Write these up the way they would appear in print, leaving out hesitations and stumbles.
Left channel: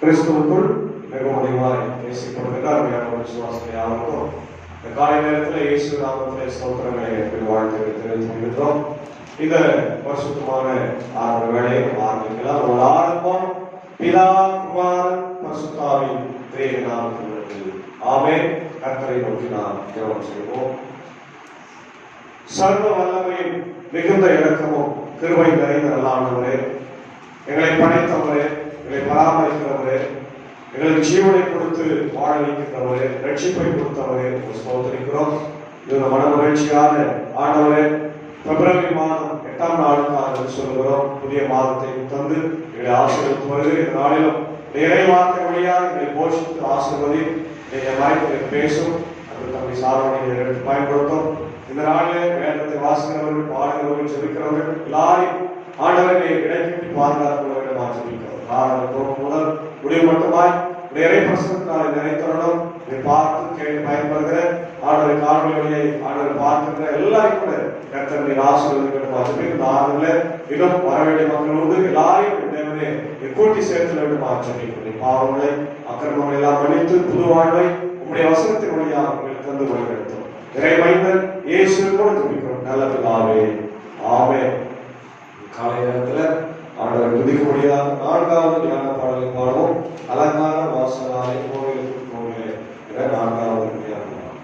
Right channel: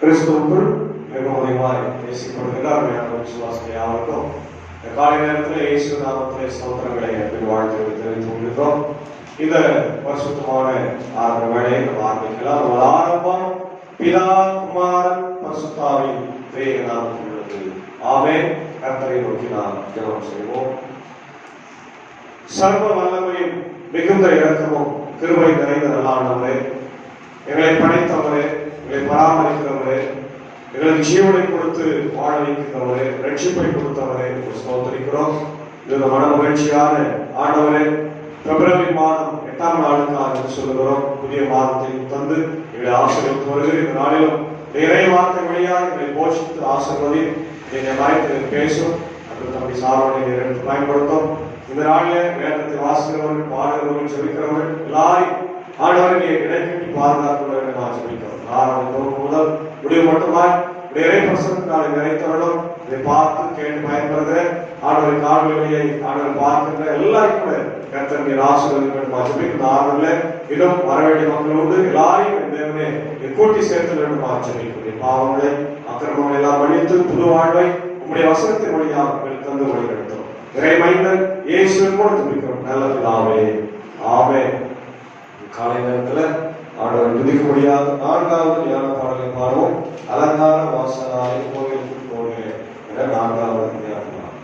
கிறிஸ்துவுக்குள் மிகவும் அதிகமாய் நேசிக்கப்படுகின்ற விசுவாசத்தை யாருக்கும் இந்த காலை நேரத்தில் இயேசு நாமத்திலே ஸ்தோத்திரங்களை வாழ்த்து தெரிவித்துக்கிறோம். இந்த பரிசுத்தமான ஆரம்ப வேலையை நம்ம ஆரம்பிக்கலாம். ஒரு ஆரம்பம் பிதா குமார் பரிசுத்தாவின் பேர் நாமத்தில் உள்ளது. ஆமென். கர்த்தரை நோக்கி நாம் ஜெபம் செய்வோம். சர்வ வல்லமையும் மிகுந்த இரக்கமும் கிருபை நிறைந்த ஆண்டவரே, எங்களை படைத்தவரே, எங்களை பராமரிக்கிறவரே, எங்களுக்கு ஜீவனை கொடுத்து வாழ வைக்கிறவரே, ரட்சிப்பை கொடுத்தவரே ஸ்தோத்திரிக்கிறோம். இந்த மன மகிழ்ச்சியான ஆண்டவரே, பிப்ரவரி மாதம் 8ஆம் நாளுக்காக சொல்லுகிறோம். புதிய மாதத்தை தந்து எங்களை ஆசீர்வதித்து வருகிற இந்த நாளிலும் இறை வார்த்தை வழியாக எங்களை போஷித்து ஆசீர்வதி நீங்கள் மறைத்து பேசும் அப்படி தம்முடைய சார்பை பயன்படுத்தும். இந்த நாளிலே வேதத்தை வாசிக்கிறவர்கள், பாடுகிறவர்கள், ஜெபிக்கிறவர்கள் எல்லாரையும் ஆண்டவர்களை இடைக்கட்டி பாதுகாக்கிறவர்கள் நான் ஜெபிக்கிறோம். ஆரம்பம் முதல் முடிவு மட்டுமாய் இறை பிரசனத்தினாலே நிறைத்தவர்களும் இதை பார்த்து கேட்டு பயன்படுகிற ஆண்டவரை காணொலியை ஆண்டவர் பார்க்கின்ற எல்லாரும் கூட கர்த்தருடைய ஆசீர்வாதங்கள் ஜெபிக்கிற ஆண்டவர்களே, இன்னும் வர வேண்டிய மக்களோடு எல்லாரையும் தேவனே கூட்டி சேர்த்து வேண்டும் ஜெபிக்கிறேன். பாவங்களை அக்கிரமங்களை எல்லாம் மன்னித்து புது வாழ்வை உங்களுடைய வசனத்தின் வழியாக உங்களுக்கு தந்து வழிநடத்தும். இறை மைந்தன் இயேசுவின் கூட ஜெபிக்கிறோம் நல்ல பிதாவே, ஆமென். காலை நேரத்தில் ஆண்டவர் துதிக்கும்படியாக 4வது ஞான பாடலை பாடுவோம். அலங்கார வாசலாய் கோயிலுக்கு போகே என்ற 4வது ஞான பாடல்.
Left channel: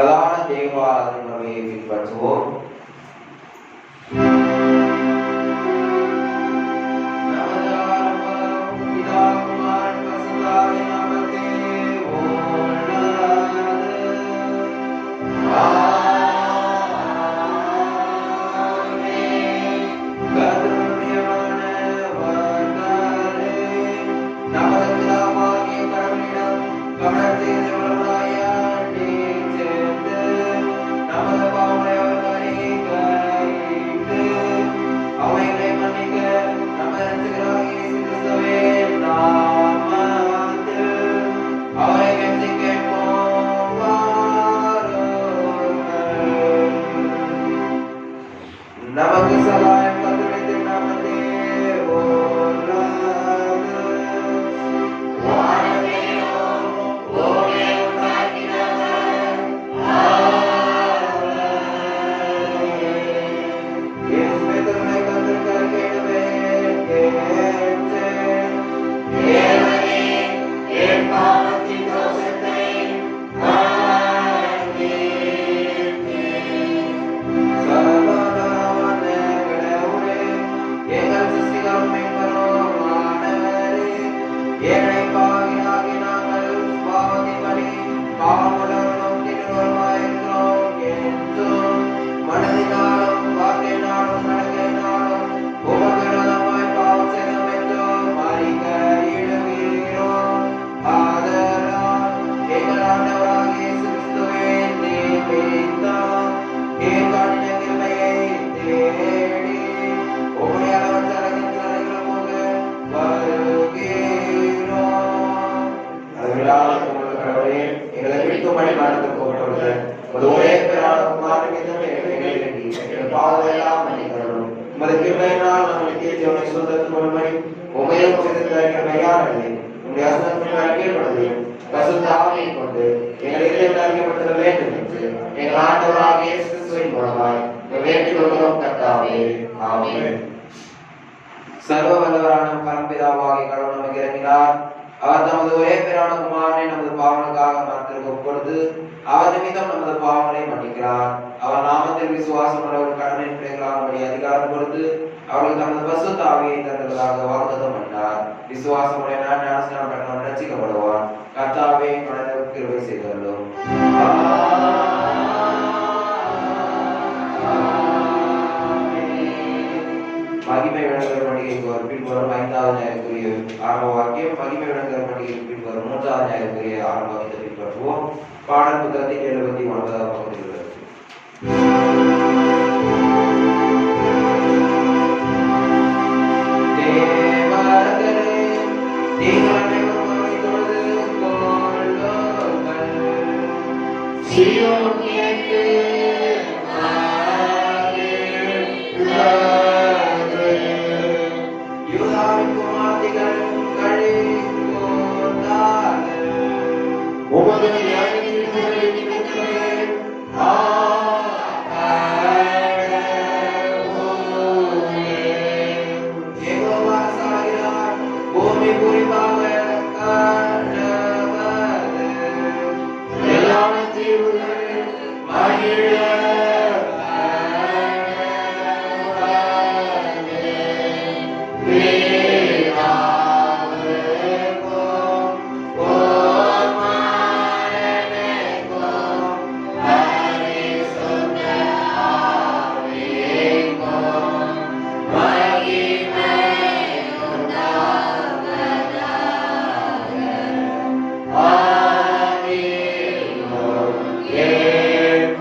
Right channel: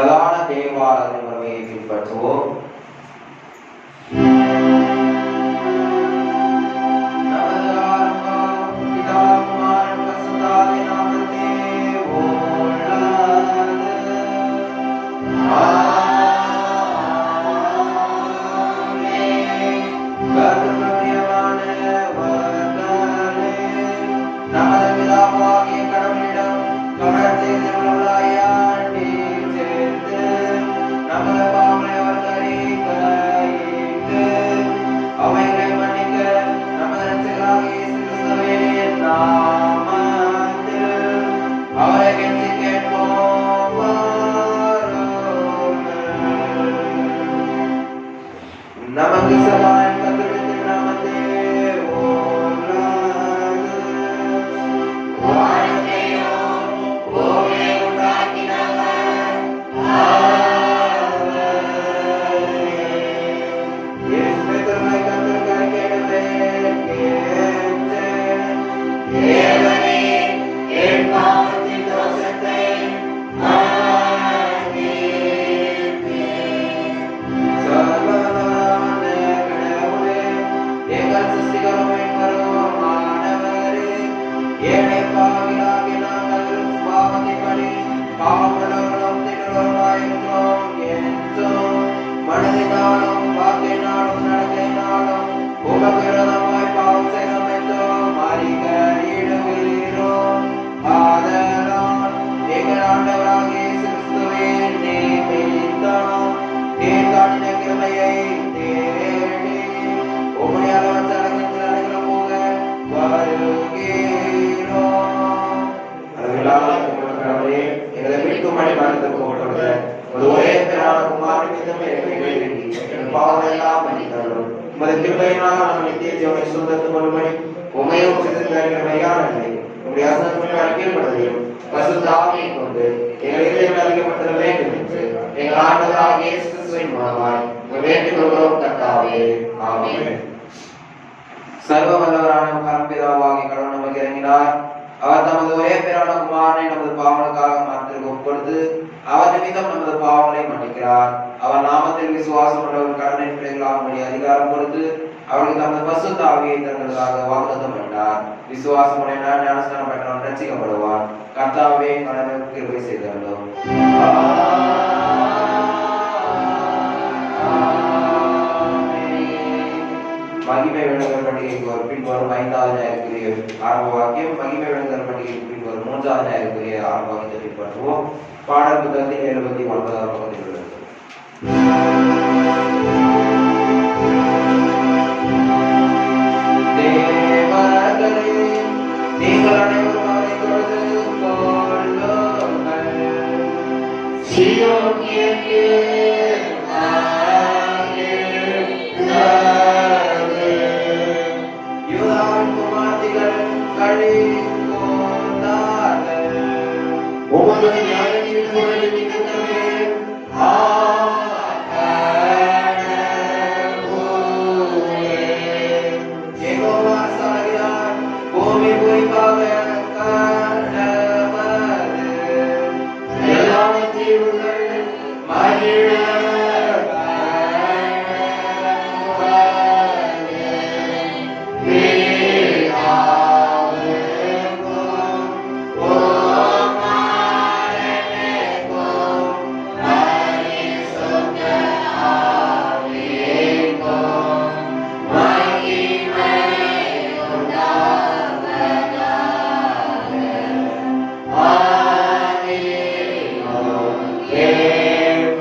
பிரதான தேவாராதனை முறையை பின்பற்றுவோம். சர்வ வல்லவரான பரம்பிதாவாகிய கடவுள் நமக்கு இறங்கினார். அவர் தமது ஒரே பேரான குமாரனை நமது பாவங்களுக்காக மரத்திற்கு ஒப்புக்கொடுத்து அவர் நிமித்தம் நமது பாவங்களை மன்னிக்கிறார். அவர் நாமத்தில் விசுவாசம் உள்ளவர் கடனை பிள்ளைகளாகும்படி அதிகாரம் கொடுத்து அவர்களுக்கு தமது பரிசுத்த ஆவியை தந்ததாக வாக்குத்தத்தம் பண்ணினார். விசுவாசம் உடையவர் ஞானஸ்நானம் பெற்றவன் ரட்சிக்கப்படுவான். கர்த்தாவே கடனுக்கு கிருபை செய்தருளும். மகிமை வேண்டுதல் பண்டிகைக்கு பின்வரும் 5வது ஞாயிற்றுக்குரிய ஆரம்ப வாக்கியம், மகிமை வேண்டுதல் பண்டிகைக்கு பின்வரும் 3வது ஞாயிற்றுக்குரிய ஆரம்ப வாக்கியத்தை பின்பற்றுவோம். பாடல் புத்தகத்தின் 79வது பகுதியில் உள்ளது.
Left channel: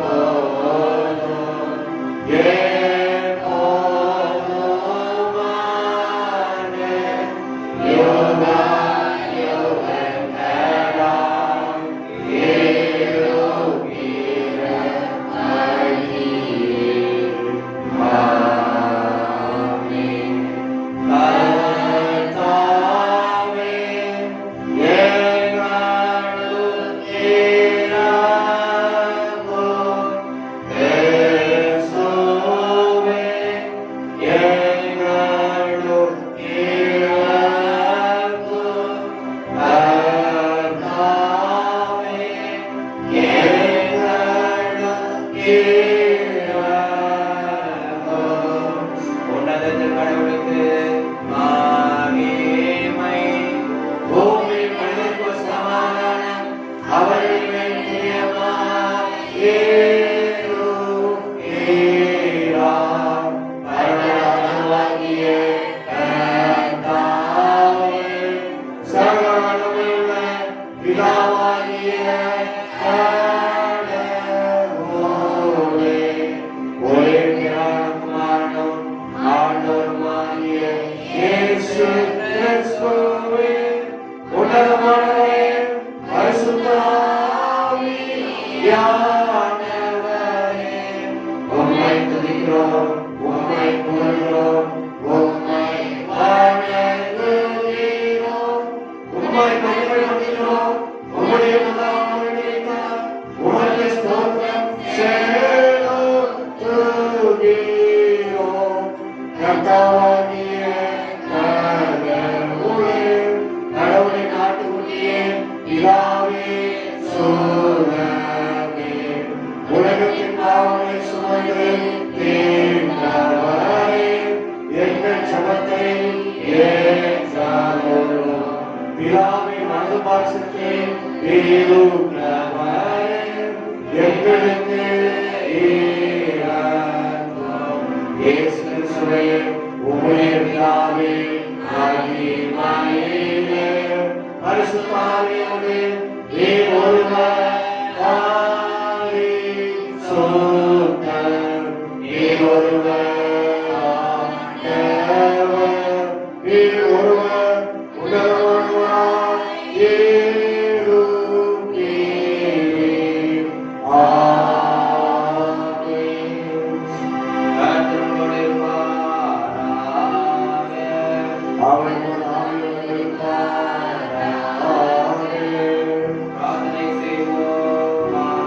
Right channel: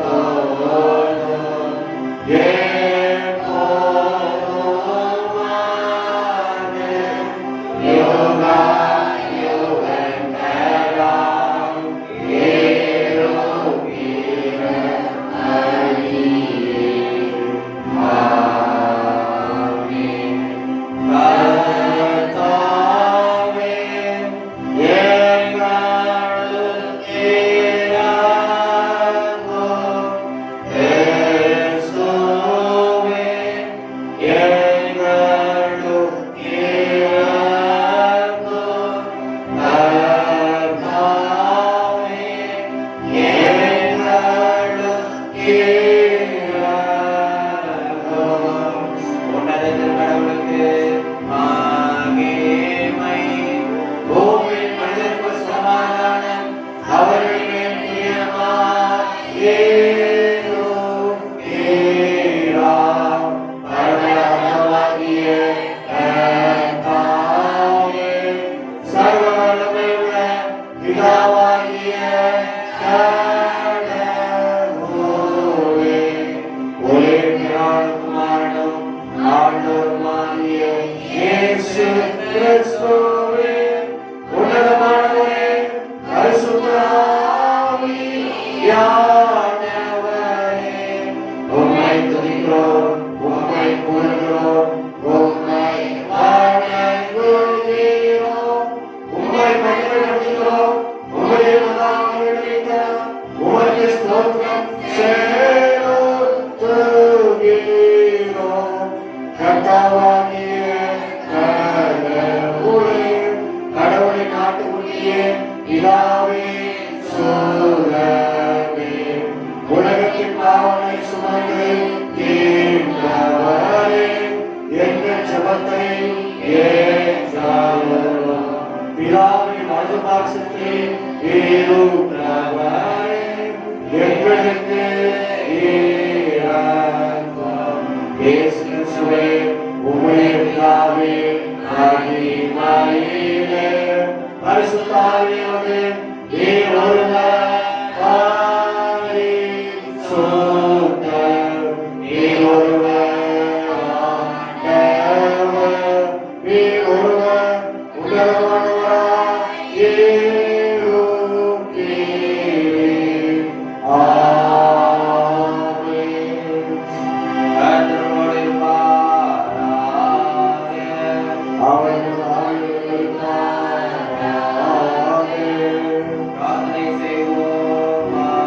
Oh உன்னதத்தில் கடவுளுக்கு மகிமை, பூமியில் மனிதருக்கு சமாதானம், அவருடைய பிரியமாய் ஏறுகிறார். பரலோகமாகிய கர்த்தாவே, சர்வ வல்லமையுள்ள பிதாவாகிய கடவுளே, ஒரே குமாரனும் ஆண்டவருமாகிய இயேசு கிறிஸ்துவே, உன்னதமானவரே, பரிசுத்த ஆவியானவரே, உம்மை துதிக்கிறோம், உம்மை புகழ்கிறோம், உம்மை வணங்குகிறோம், உம்மை மகிமைப்படுத்துகிறோம், உம்முடைய நாமத்தினால் உமக்கு ஸ்தோத்திரம் செலுத்துகிறோம். கர்த்தாவாகிய கடவுளே, கடவுளின் ஆட்டுக்குட்டியே, பிதாவே, சோதரமே, உலகத்தின் பாவங்களை சுமந்து தீர்ந்தவரே, எங்கள் ஜெபத்தை ஏற்றருளும். பிதாவின் வலது பாசத்தில் இருக்கிறவரே, எங்களுக்கு இரங்கும். இயேசு கிறிஸ்துவே, உம்முடைய பிதாவே, மகிமையிலே, பரிசுத்த ஆவியோடு நீர் ஒருவர் பரிசுத்தர், நீர் ஒருவர் ஆண்டவர், நீர் ஒருவர் உன்னதமானவராய் இருக்கிறீர். ஆமென். கர்த்தரோடு இருப்பாராக. அவர் பிரார்த்தனை செய்வோமாக.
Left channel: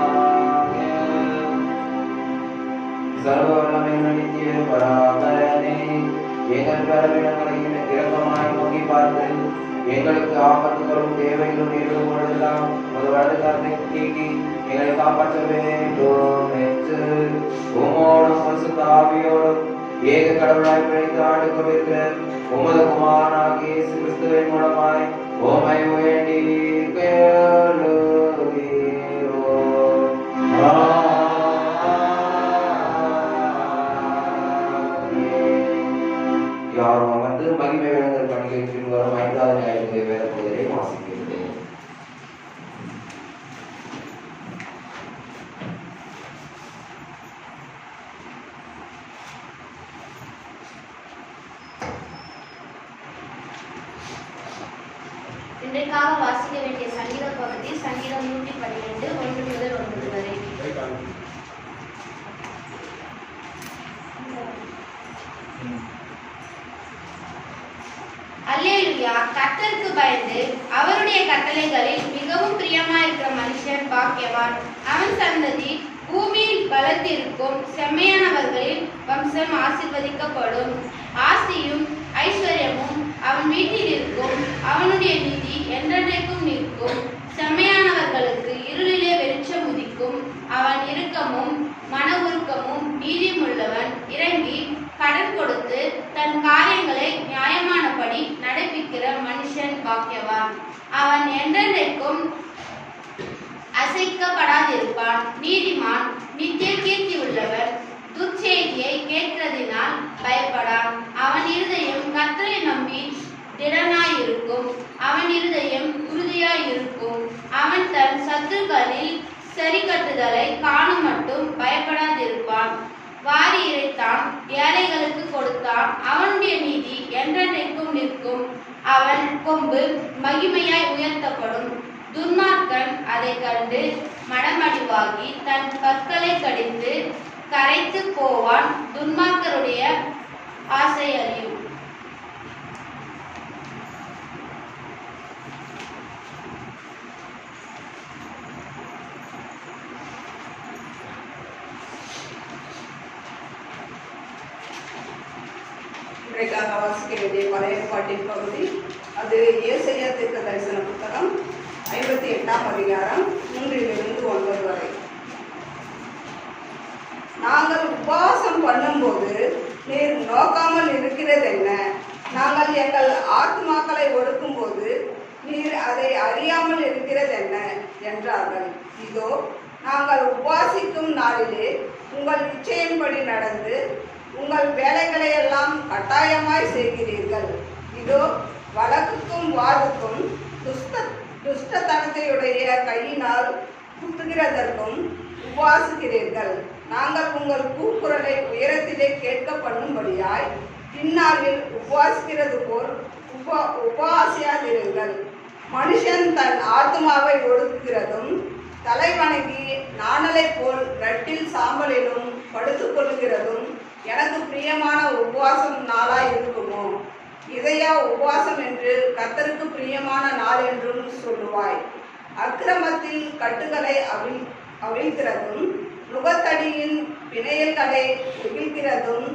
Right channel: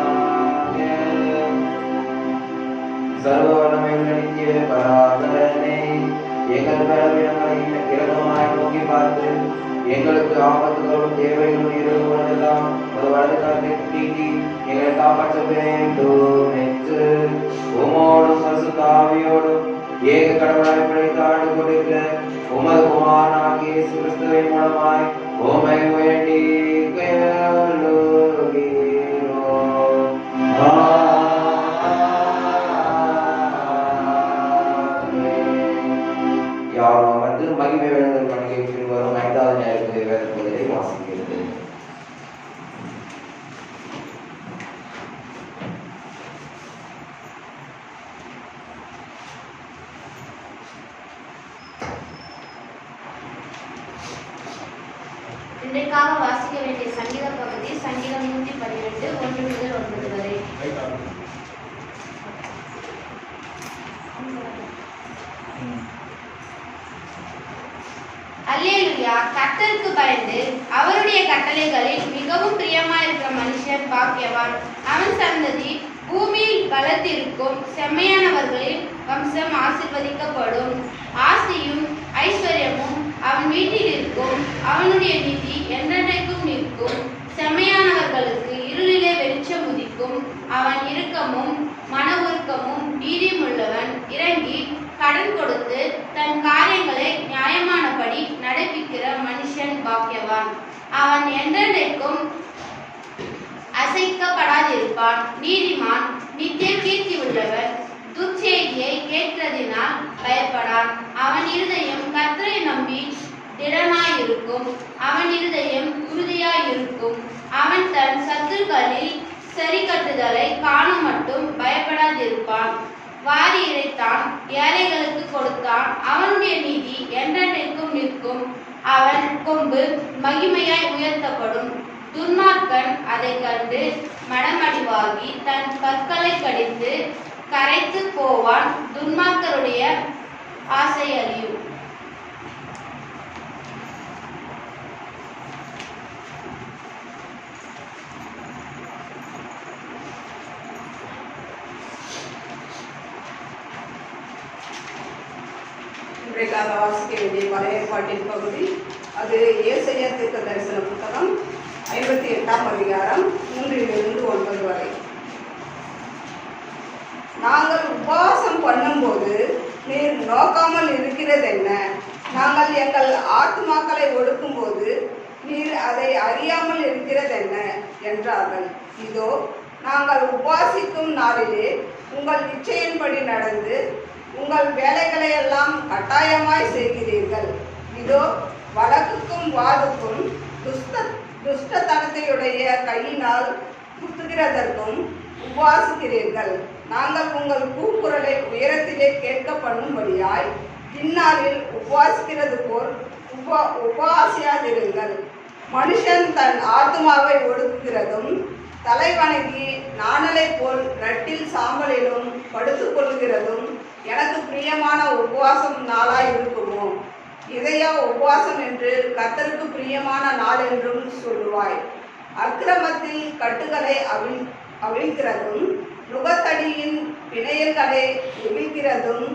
சர்வ வல்லமையுள்ள நித்திய பராபரனே, எங்கள் பலவீனங்களை இரக்கமாய் நோக்கி பார்த்து எங்களுக்கு ஆபத்துகளும் தேவைகளும் நிறுவனெல்லாம் ஒரு வலது கருத்தை நீக்கி எங்களை காப்பாற்ற வேண்டும் என்று உமோடும் பரிசுத்த ஆவியோடும் ஏக கடவுளாய் பிழைத்து ஆண்டு கொண்டிருக்கிற உமது குமாரனாகிய இயேசு கிறிஸ்துவின் மூலமாய் உம்மை வேண்டி கேளுகிறோம். யாரும் வந்து மகிமை வேண்டுதல் பண்டிகைக்கு வரும் 5வது ஞாயிறு வேத பகுதியை வாசிக்கிறது. இன்றைக்காக வாசிக்க வேண்டிய சங்கீத பகுதி சங்கீதம் 112 1 முதல் 9 வரை. அல்லேலூயா. கர்த்தருக்கு பயந்து அவருடைய கட்டளைகளில் மிகவும் பிரியமாயிருக்கிற மனுஷன் பாக்கியவான். அவன் சந்ததி பூமியில் பலத்திருக்கும். செம்மையானவர்களின் வம்சம் ஆசீர்வதிக்கப்படும். ஆசியும் ஐஸ்வர்யமும் அவன் வீட்டில் இருக்கும். அவனுடைய நீதி என்றென்றைக்கும் நிற்கும். செம்மையானவர்களுக்கு இருளிலே வெளிச்சம் உதிக்கும். அவன் இரக்கமும் மன உருக்கமும் நீதியுமுள்ளவன். இறங்கி கடன் கொடுத்து தன் காரியங்களை நியாயமானபடி நடப்பிக்கிற மனுஷன் பாக்கியவான். அவன் என்றென்றைக்கும் அசைக்கப்படாதிருப்பான். நீதிமான் நித்திய கீர்த்தி உள்ளவன். துர்ச்செய்தியை கேட்கிறதினால் பயப்படான். அவன் இருதயம் கர்த்தரை நம்பி திடனாயிருக்கும். அவன் இருதயம் உறுதியாயிருக்கும். அவன் தன் சத்துருக்களில் சரி கட்டுதலை காணும் மட்டும் பயப்படாதிருப்பான். வாரி இறைத்தான், ஏழைகளுக்கு கொடுத்தான். அவனுடைய நீதி என்றென்றைக்கும் நிற்கும். அவன் கொம்பு மகிமையாய் உயர்த்தப்படும். துன்மார்க்கன் அதை கண்டு மனமடிவாகி தன் பற்களை கடித்து கரைத்து போவான். துன்மார்க்கருடைய ஆசை அழியும். இன்றைக்காக வாசிக்க வேண்டிய பழைய ஏற்பாட்டின் பகுதி அது ஏசாயா தீர்க்க தரிசன புத்தகம் 58ஆம் அதிகாரம் 3 முதல் 9 வரை. நாங்கள் உபவாசம் பண்ணும்போது நீர் நோக்காமல் இருக்கிறது என்ன? நாங்கள் எங்கள் ஆத்துமாக்களை ஒடுக்கும்போது நீர் அதை அறியாமல் இருக்கிறது என்ன என்றார்கள். இதோ நாங்கள் உபவாசிக்கும் நாளிலே உங்கள் இச்சையின்படி நடந்து உங்கள் வேலைகளை எல்லாம் கட்டாயமாய் செய்கிறீர்கள். இதோ வழக்குக்கும் வாதுக்கும் துஷ்டத்தனத்தையுடைய கையினால் குத்துகிறதற்கும் உபவாசிக்கிறீர்கள். நாங்கள் உங்கள் கூக்குரலை உயரத்திலே கேட்க பண்ணும்படியாய் இந்நாளில் உபவாசிக்கிறது போல் உபவாசியாதிருங்கள். மனுஷன் தன் ஆத்மாவை ஒடுக்குகிறதும் தலைவணங்கி நாணலை போல் ரட்டில் சாம்பலிலும் படுத்துக் கொள்ளுகிறதும் எனக்கு பிரியமான உபவாசம் நாளாய் இருக்குமோ? இதையா உபவாசம் என்று கர்த்தருக்கு பிரியமான நாள் என்றும் சொல்லுவாய்? அக்கிரமத்தில் கட்டுகளை அவிழ்கிறதும் நுகத்தடியின் பிணையல்களை நெகிழ்கிறதும்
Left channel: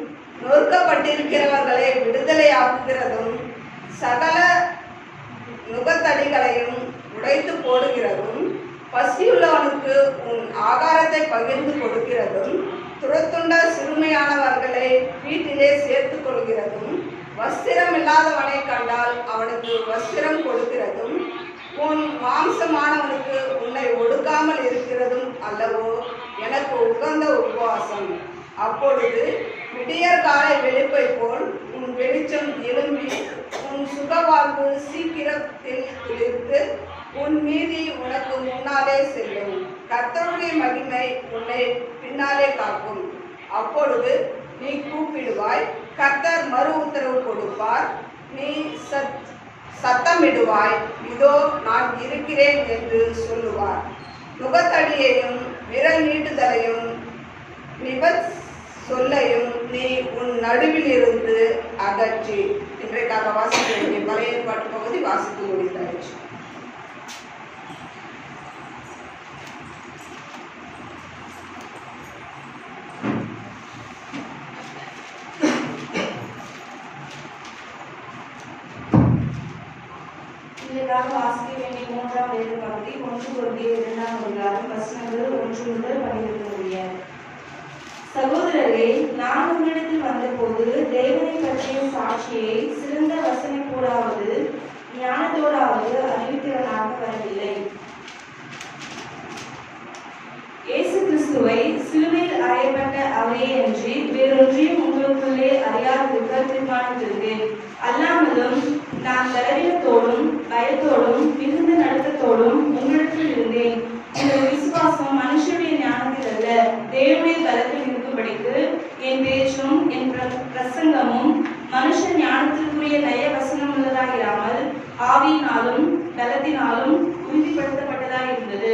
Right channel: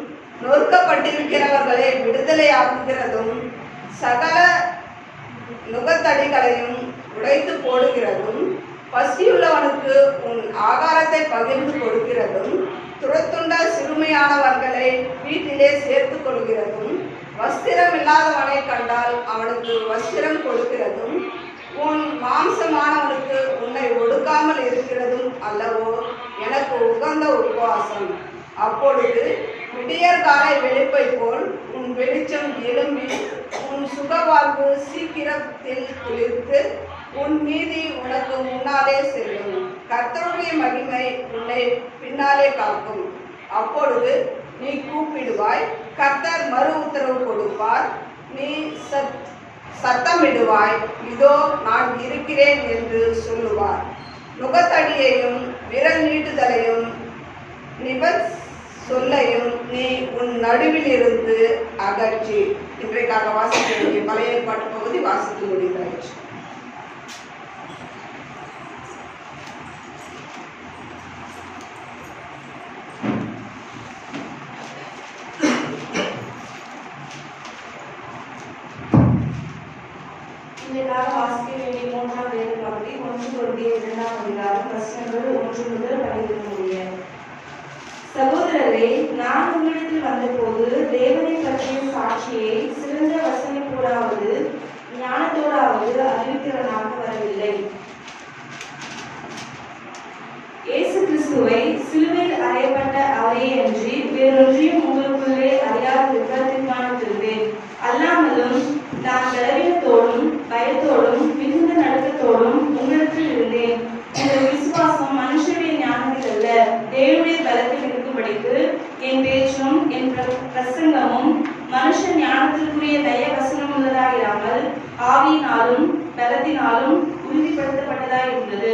நொறுக்கப்பட்டிருக்கிறவர்களை விடுதலையாக்குகிறதும் சகல நுகத்தடிகளையும் உடைத்து போடுகிறதும் பசியுள்ளவனுக்கு உன் ஆகாரத்தை பகிர்ந்து கொடுக்கிறதும் துரத்துண்ட சிறுமையானவர்களை வீட்டிலே சேர்த்து கொள்கிறதும் வஸ்திரம் இல்லாதவனை கண்டால் அவனுக்கு வஸ்திரம் கொடுக்கிறதும் உன் மாம்சமானவனுக்கு உன்னை ஒடுக்காமல் இருக்கிறதும் அல்லவோ எனக்கு உகந்த உபவாசம். அப்பொழுது விடியற்காலை வெளிப்பை போல் உன் வெளிச்சம் எழும்பி உன் சுகவாழ்வு சீக்கிரத்தில் துளிர்த்து உன் மீதி உனக்கு முன்னாலே செல்லும். கர்த்தருடைய மகிமை உன்னை பின்னாலே காக்கும். அப்பொழுது நீ கூப்பிடுவாய், கர்த்தர் மறு உத்தரவு கொடுப்பார். நீ சத்தமிடுவாய், இதோ நான் இருக்கிறேன் என்று சொல்லுவார். நுகத்தடியையும் விரல் நீட்டுதலையும் சொல்லையும் நீ உன் நடுவில் இருந்து அகற்றி. இன்றைக்காக வாசிக்க வேண்டிய பழைய ஏற்பாட்டு பகுதி வாசித்து முடிந்தாயிற்று. இதற்காக வாசிக்க வேண்டிய 3ஆம் வேத பகுதி 1 கொரிந்தியர் 2ஆம் அதிகாரம் வசனங்கள் 1 முதல் 12 முடிய. சகோதரரே, நான் உங்களிடத்தில் வந்தபோது தேவனை பற்றிய சாட்சியை சிறந்த வசனிப்போடாவது ஞானத்தோடாவது அறிவிக்கிறவனாக வரவில்லை. இயேசு கிறிஸ்துவை சிலுவையில் அறையப்பட்ட அவரே அன்றி வேறொன்றையும் உங்களுக்குள்ளே அறியாதிருக்க தீர்மானித்திருந்தேன். அல்லாமலும் நான் பலவீனத்தோடும் பயத்தோடும் மிகுந்த நடுக்கத்தோடும் உங்களிடத்தில் இருந்தேன். உங்கள் விசுவாசம் மனுஷருடைய ஞானத்தில் அல்ல, தேவனுடைய பலத்தில் இருக்கும்படிக்கு என் பேச்சும் என் பிரசங்கமும் மனுஷ ஞானத்திற்குரிய நய வசனம் உள்ளதாயிராமல் ஆவியினாலும் பலத்தினாலும் உறுதிப்படுத்தப்பட்டதாய் இருந்தது.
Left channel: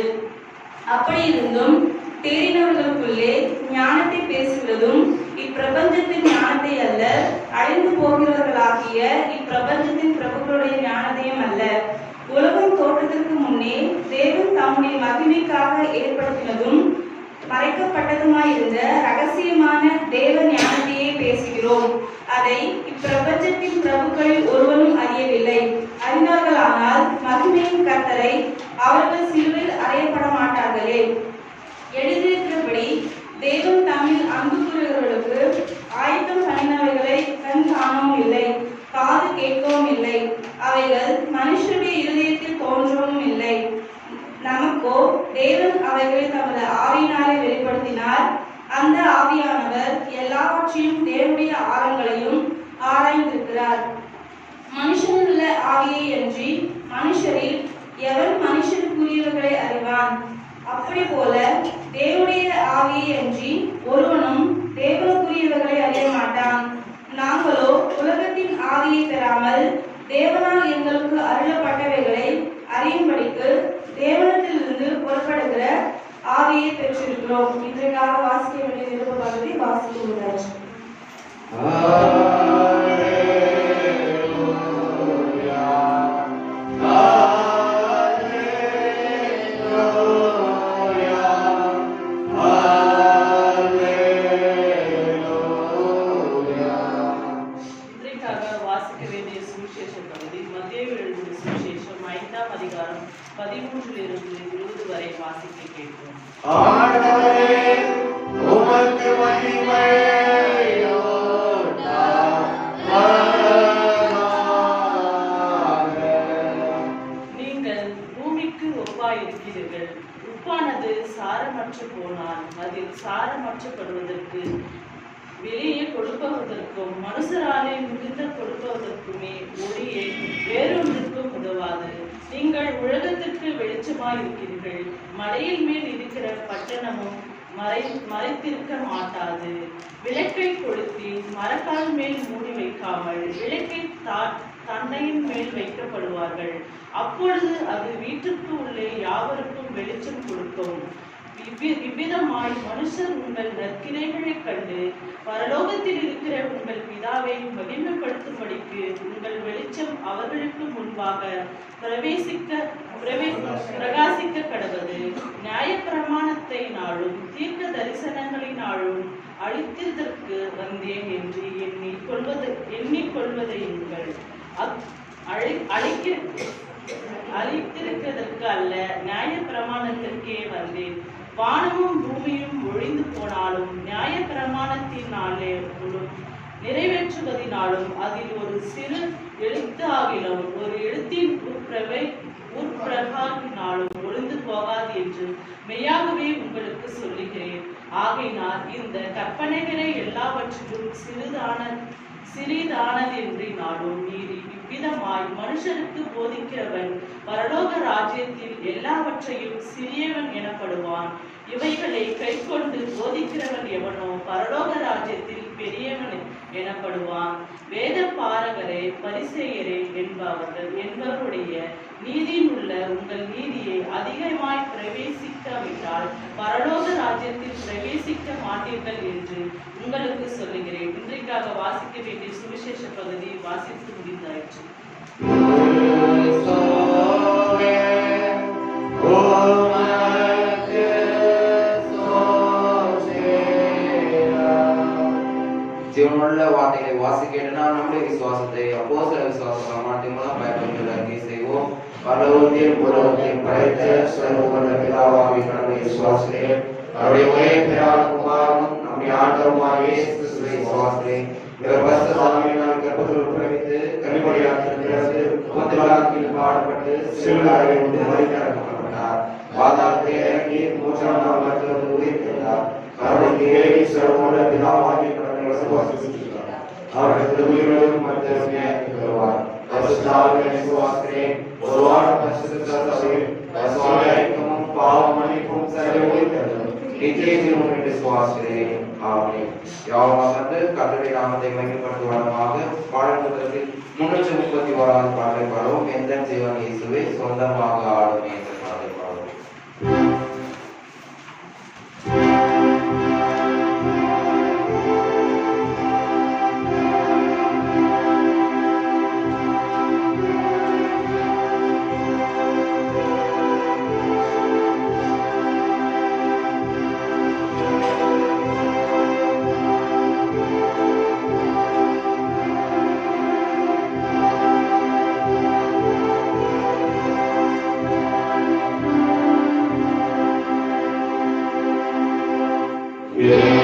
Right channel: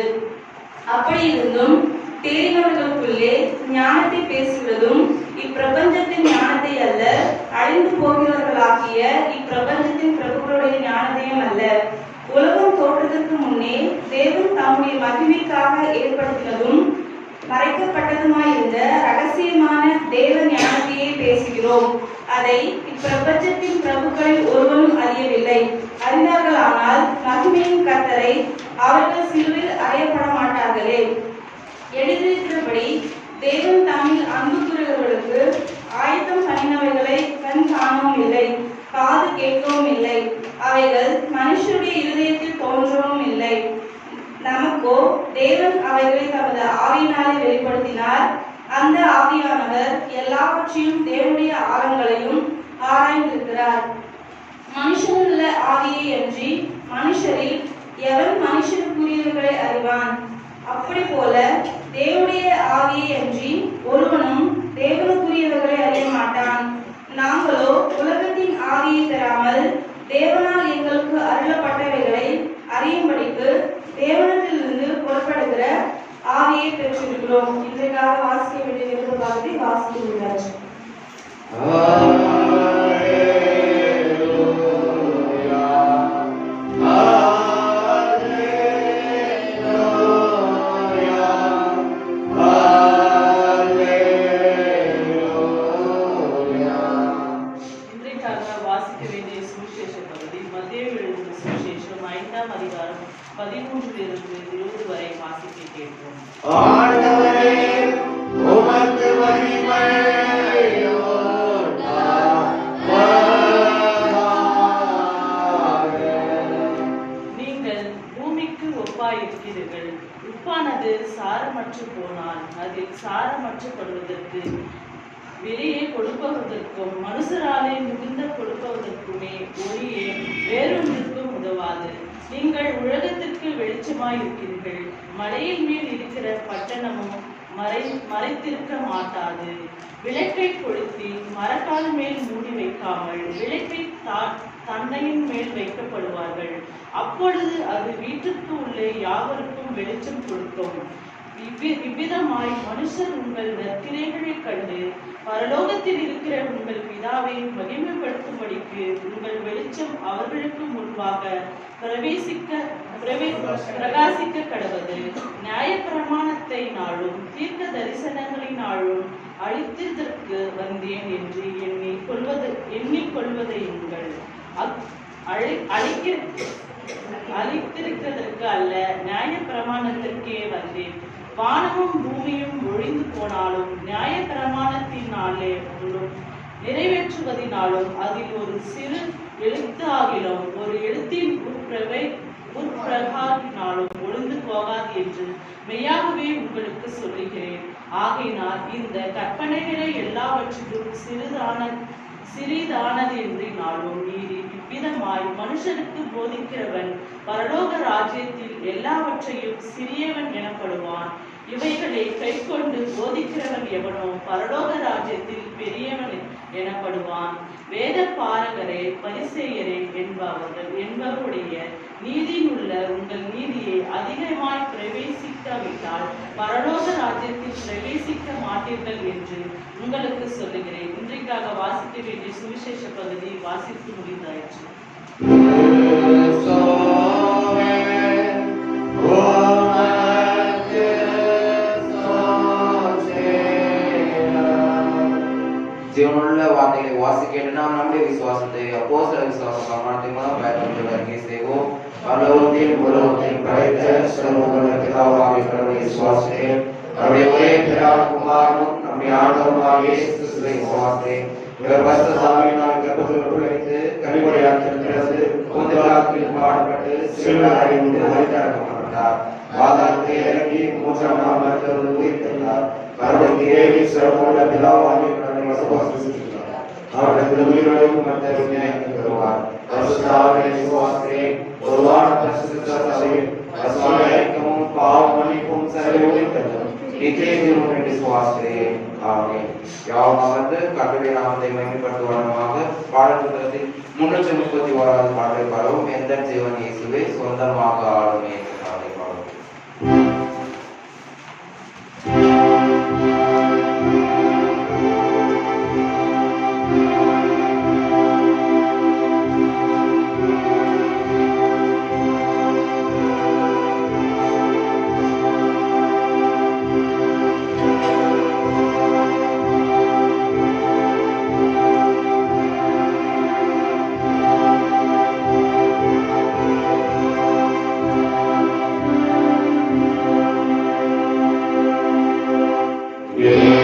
அப்படி இருந்தும் தேறினவர்களுக்குள்ளே ஞானத்தை பேசுகிறதும் இப்பிரபஞ்சத்தின் ஞானத்தை அல்ல, அழிந்து போகிறவர்களாகிய இப்பிரபஞ்சத்தின் பிரபுக்களுடைய ஞானத்தையும் அல்ல. உலகம் தோற்றத்திற்கு முன்னே தேவன் தம்முடைய மகிமைக்காக ஏற்படுத்தினதும் மறைக்கப்பட்டதுமாயிருந்த ரகசியமான தேவ ஞானத்தையே பேசுகிறோம். அதை இப்பிரபஞ்சத்தின் பிரபுக்களில் ஒருவரும் அறியவில்லை. அறிந்தார்களானால் மகிமையின் கர்த்தரை அவர்கள் சிலுவையில் அறையப்பட மாட்டார்களே. எழுதியிருக்கிறபடி தேவன் தம்மில் அன்பு கூறுகிறவர்களுக்கு ஆயத்தம் பண்ணினவைகளை கண் காணவும் இல்லை, காது கேட்கவும் இல்லை, அவைகள் மனுஷருடைய இருதயத்தில் தோன்றவும் இல்லை. நமக்கோ தேவன் அவைகளை தமது ஆவியினாலே வெளிப்படுத்தினார். அந்த ஆவியானவர் எல்லாவற்றையும் தேவனுடைய ஆழங்களையும் ஆராய்ந்திருக்கிறார். மனுஷனில் உள்ள ஆவியை அன்றி மனுஷரில் எவன் மனுஷனுக்குரியவர்களை அறிவான்? அப்படி போல தேவனுடைய ஆவியை அன்றி ஒருவனும் தேவனுக்குரியவர்களை அறிய மாட்டான். நாங்களோ உலகத்தின் ஆவியை பெறாமல் தேவனால் எங்களுக்கு அருளப்பட்டவைகளை அறியும்படிக்கு தேவனத்திலிருந்து புறப்படுகிற ஆவியை பெற்றிருக்கிறோம். இன்றைக்காக வாசிக்க வேண்டிய விருப்ப பகுதி வாசிக்கிறார். வாசிக்க வேண்டிய சுவிசேஷ பகுதி மத்தேயு எழுதின சுவிசேஷம் 5ஆம் அதிகாரம் 13 இருந்து 20 வரை வாசிக்க கேட்கிறோம். நீங்கள் பூமிக்கு ஒப்பாயிருக்கிறீர்கள். உப்பானது சாரமற்று போனால் அதில் சாரமற்றப்படுவதற்கு வெளியே கொடுப்பதற்கும் மனுஷராலே மிகுந்த கொடுப்பதற்குமே ஒளியே வேறொன்றுக்கும் உதவாது. நீங்கள் உலகத்திற்கு வெளிச்சமாய் இருக்கிறீர்கள். மலையின் மேல் இருக்கிற பட்டணமும் மறைத்திருக்க மாட்டாது. விளக்கை கொளுத்தி மரக்கால் மேல் மூடி வைக்காமல் விளக்கை தண்டையின் மேல் வைக்கப்படுவார்கள். அப்பொழுது அது வீட்டுக்கு உள்ளே யாவருக்கும் வெளிச்சம் கொடுக்கும். இவ்விதமாய் மனுஷர் உங்கள் நற்கிரைகளைக் கண்டு பரலோகத்தில் இருக்கிற உங்கள் பிதாவை மகிமைப்படுத்தும்படிக்கு உங்கள் வெளிச்சம் அவர்களுக்கு முன்பாக பிரகாசிக்க கடவது. நியாயப்பிரமாணத்தை நாளும் தீர்க்க தரிசனங்களினாலும் அழித்ததற்கு வந்தேன் என்று எண்ணிக்கொள்வதை நீங்கள் அழித்திருக்கிறதற்கு அல்ல, நியாய பிரமாணத்திற்கே வந்தேன். வானமும் பூமியும் ஒழிந்து போனாலும் நியாய பிரமாணத்தினாலும் நிறைவேற்றுவதினாலும் அதில் ஒரு சிறு எழுத்தாகிலும் ஒரு எழுத்தின் உட்பிரகாரினாலும் ஒழிந்து போகாது என்று மெய்யாகவே உங்களுக்கு சொல்லுகிறேன். ஆகையினால் இந்த கற்பனைகளை எல்லாவற்றிலும் சிறிதானதென்றினாலும் மீறி இவ்விதமாய் மனுஷனுக்கு போதிக்கிறவன் பரலோக ராஜ்யத்தில் எல்லாவற்றையும் சிறியவன் எனப்படுவான். இவைகளை கைக்கொண்டு போதிக்கிறவன் எவனோ பரலோக ராஜ்யத்தில் பெரியவன் எனப்படுவான். வேத பாரகரே பரிசேயரே என்பவருடைய நீதியிலுள்ள உங்கள் நீதியை அதிகமாய் பிரவேசிக்காவிட்டால் பரலோக ராஜ்யத்தில் பிரவேசிக்க மாட்டீர்கள் என்று உங்களுக்கு சொல்லுகிறேன். இன்றைக்காக வாசிக்க வேண்டிய சுவிசேஷ பகுதி வாசித்து முடிந்தாயிற்று. ஜீவனுள்ள வார்த்தைகளை வாசிக்க நாம் நம்முடைய விசுவாசத்தை அப்போஸ்தலர் விசுவாச பிரமாணத்தின் மூலம் பயன்படுத்த அறிக்கை செய்வோம். பரலோகத்தையும் பூலோகத்தையும் படைத்த சர்வவல்ல பிதாவாகிய கடவுளை விசுவாசிக்கிறேன். அவருடைய ஒரே பிதாவான குமாரனும் நம்முடைய ஆண்டவருமாகிய இயேசு கிறிஸ்துவை விசுவாசிக்கிறேன். இவர் பரிசுத்த ஆவியினால் கர்ப்பத்தில் உட்பிரவேசித்து கன்னிமரியாத்தில் பிறந்து பொந்திபிலாத்தில் பாடுபட்டு சிலுவையில் அறையுண்டு மரித்தடக்கப்பட்டார். பாதாளத்தை இறங்கி மூன்றாம் நாள் மரித்தவர்களை உயிர்த்தெழுந்தார். கடவுளுக்கு ஏழு சிறப்புள்ள பிதாவாகிய கடவுளை விசுவாசிக்கிறார். அவர்கள் உயிரோடும் மற்றவர்கள் நியாயத்துக்கு வருவார். பரிசுத்த ஆவியை விசுவாசிக்கிறேன். ஒருவான பரிசுத்த சபையும் பரிசுத்த ஐக்கியமும் பாவ மன்னிப்பும் சர்வ உயிர்த்தெழுதலும் நித்திய ஜீவனும் என்று விசுவாசிக்கிறேன். ஆமென். யாவும் அமர்ந்து கர்த்தருடைய நாமத்தை மகிமைப்படுத்துவதற்காக பாடல் புத்தகத்தில் 331வது பாடலை பாடுவோம். எந்த ஜீவன் இயேசுவே சொந்தமாக ஆளுமே என்ற பாடலை பாடுவோம். Yeah.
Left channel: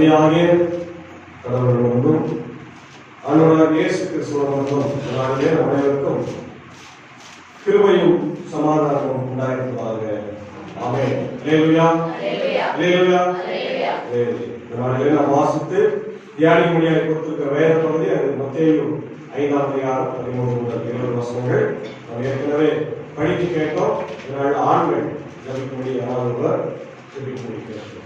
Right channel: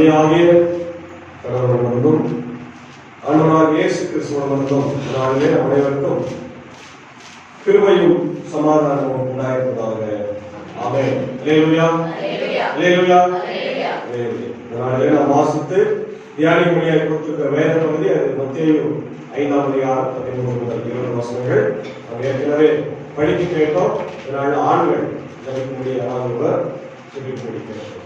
தந்தையாகிய கடவுளிடமும் ஆண்டவராகிய இயேசு கிறிஸ்துவிடமும் அனைவருக்கும் கிருபையும் சமாதானமும் உண்டாயிருப்பதாக. ஆமென். அல்லேலூயா. அல்லேலூயா. அல்லேலூயா. நாம் வாசித்து தியானிக்கும்படியாக கொடுத்திருக்கிற வேத பகுதி அது மத்தேயு 5ஆம் அதிகாரம் 13 முதல் 20 வசனங்கள். நாம் ஏற்கனவே படித்து கேட்டோம். இதனால் ஆண்கள் ஜபிக்கும்படியாக ஜபிக்க முடிக்கிறார்.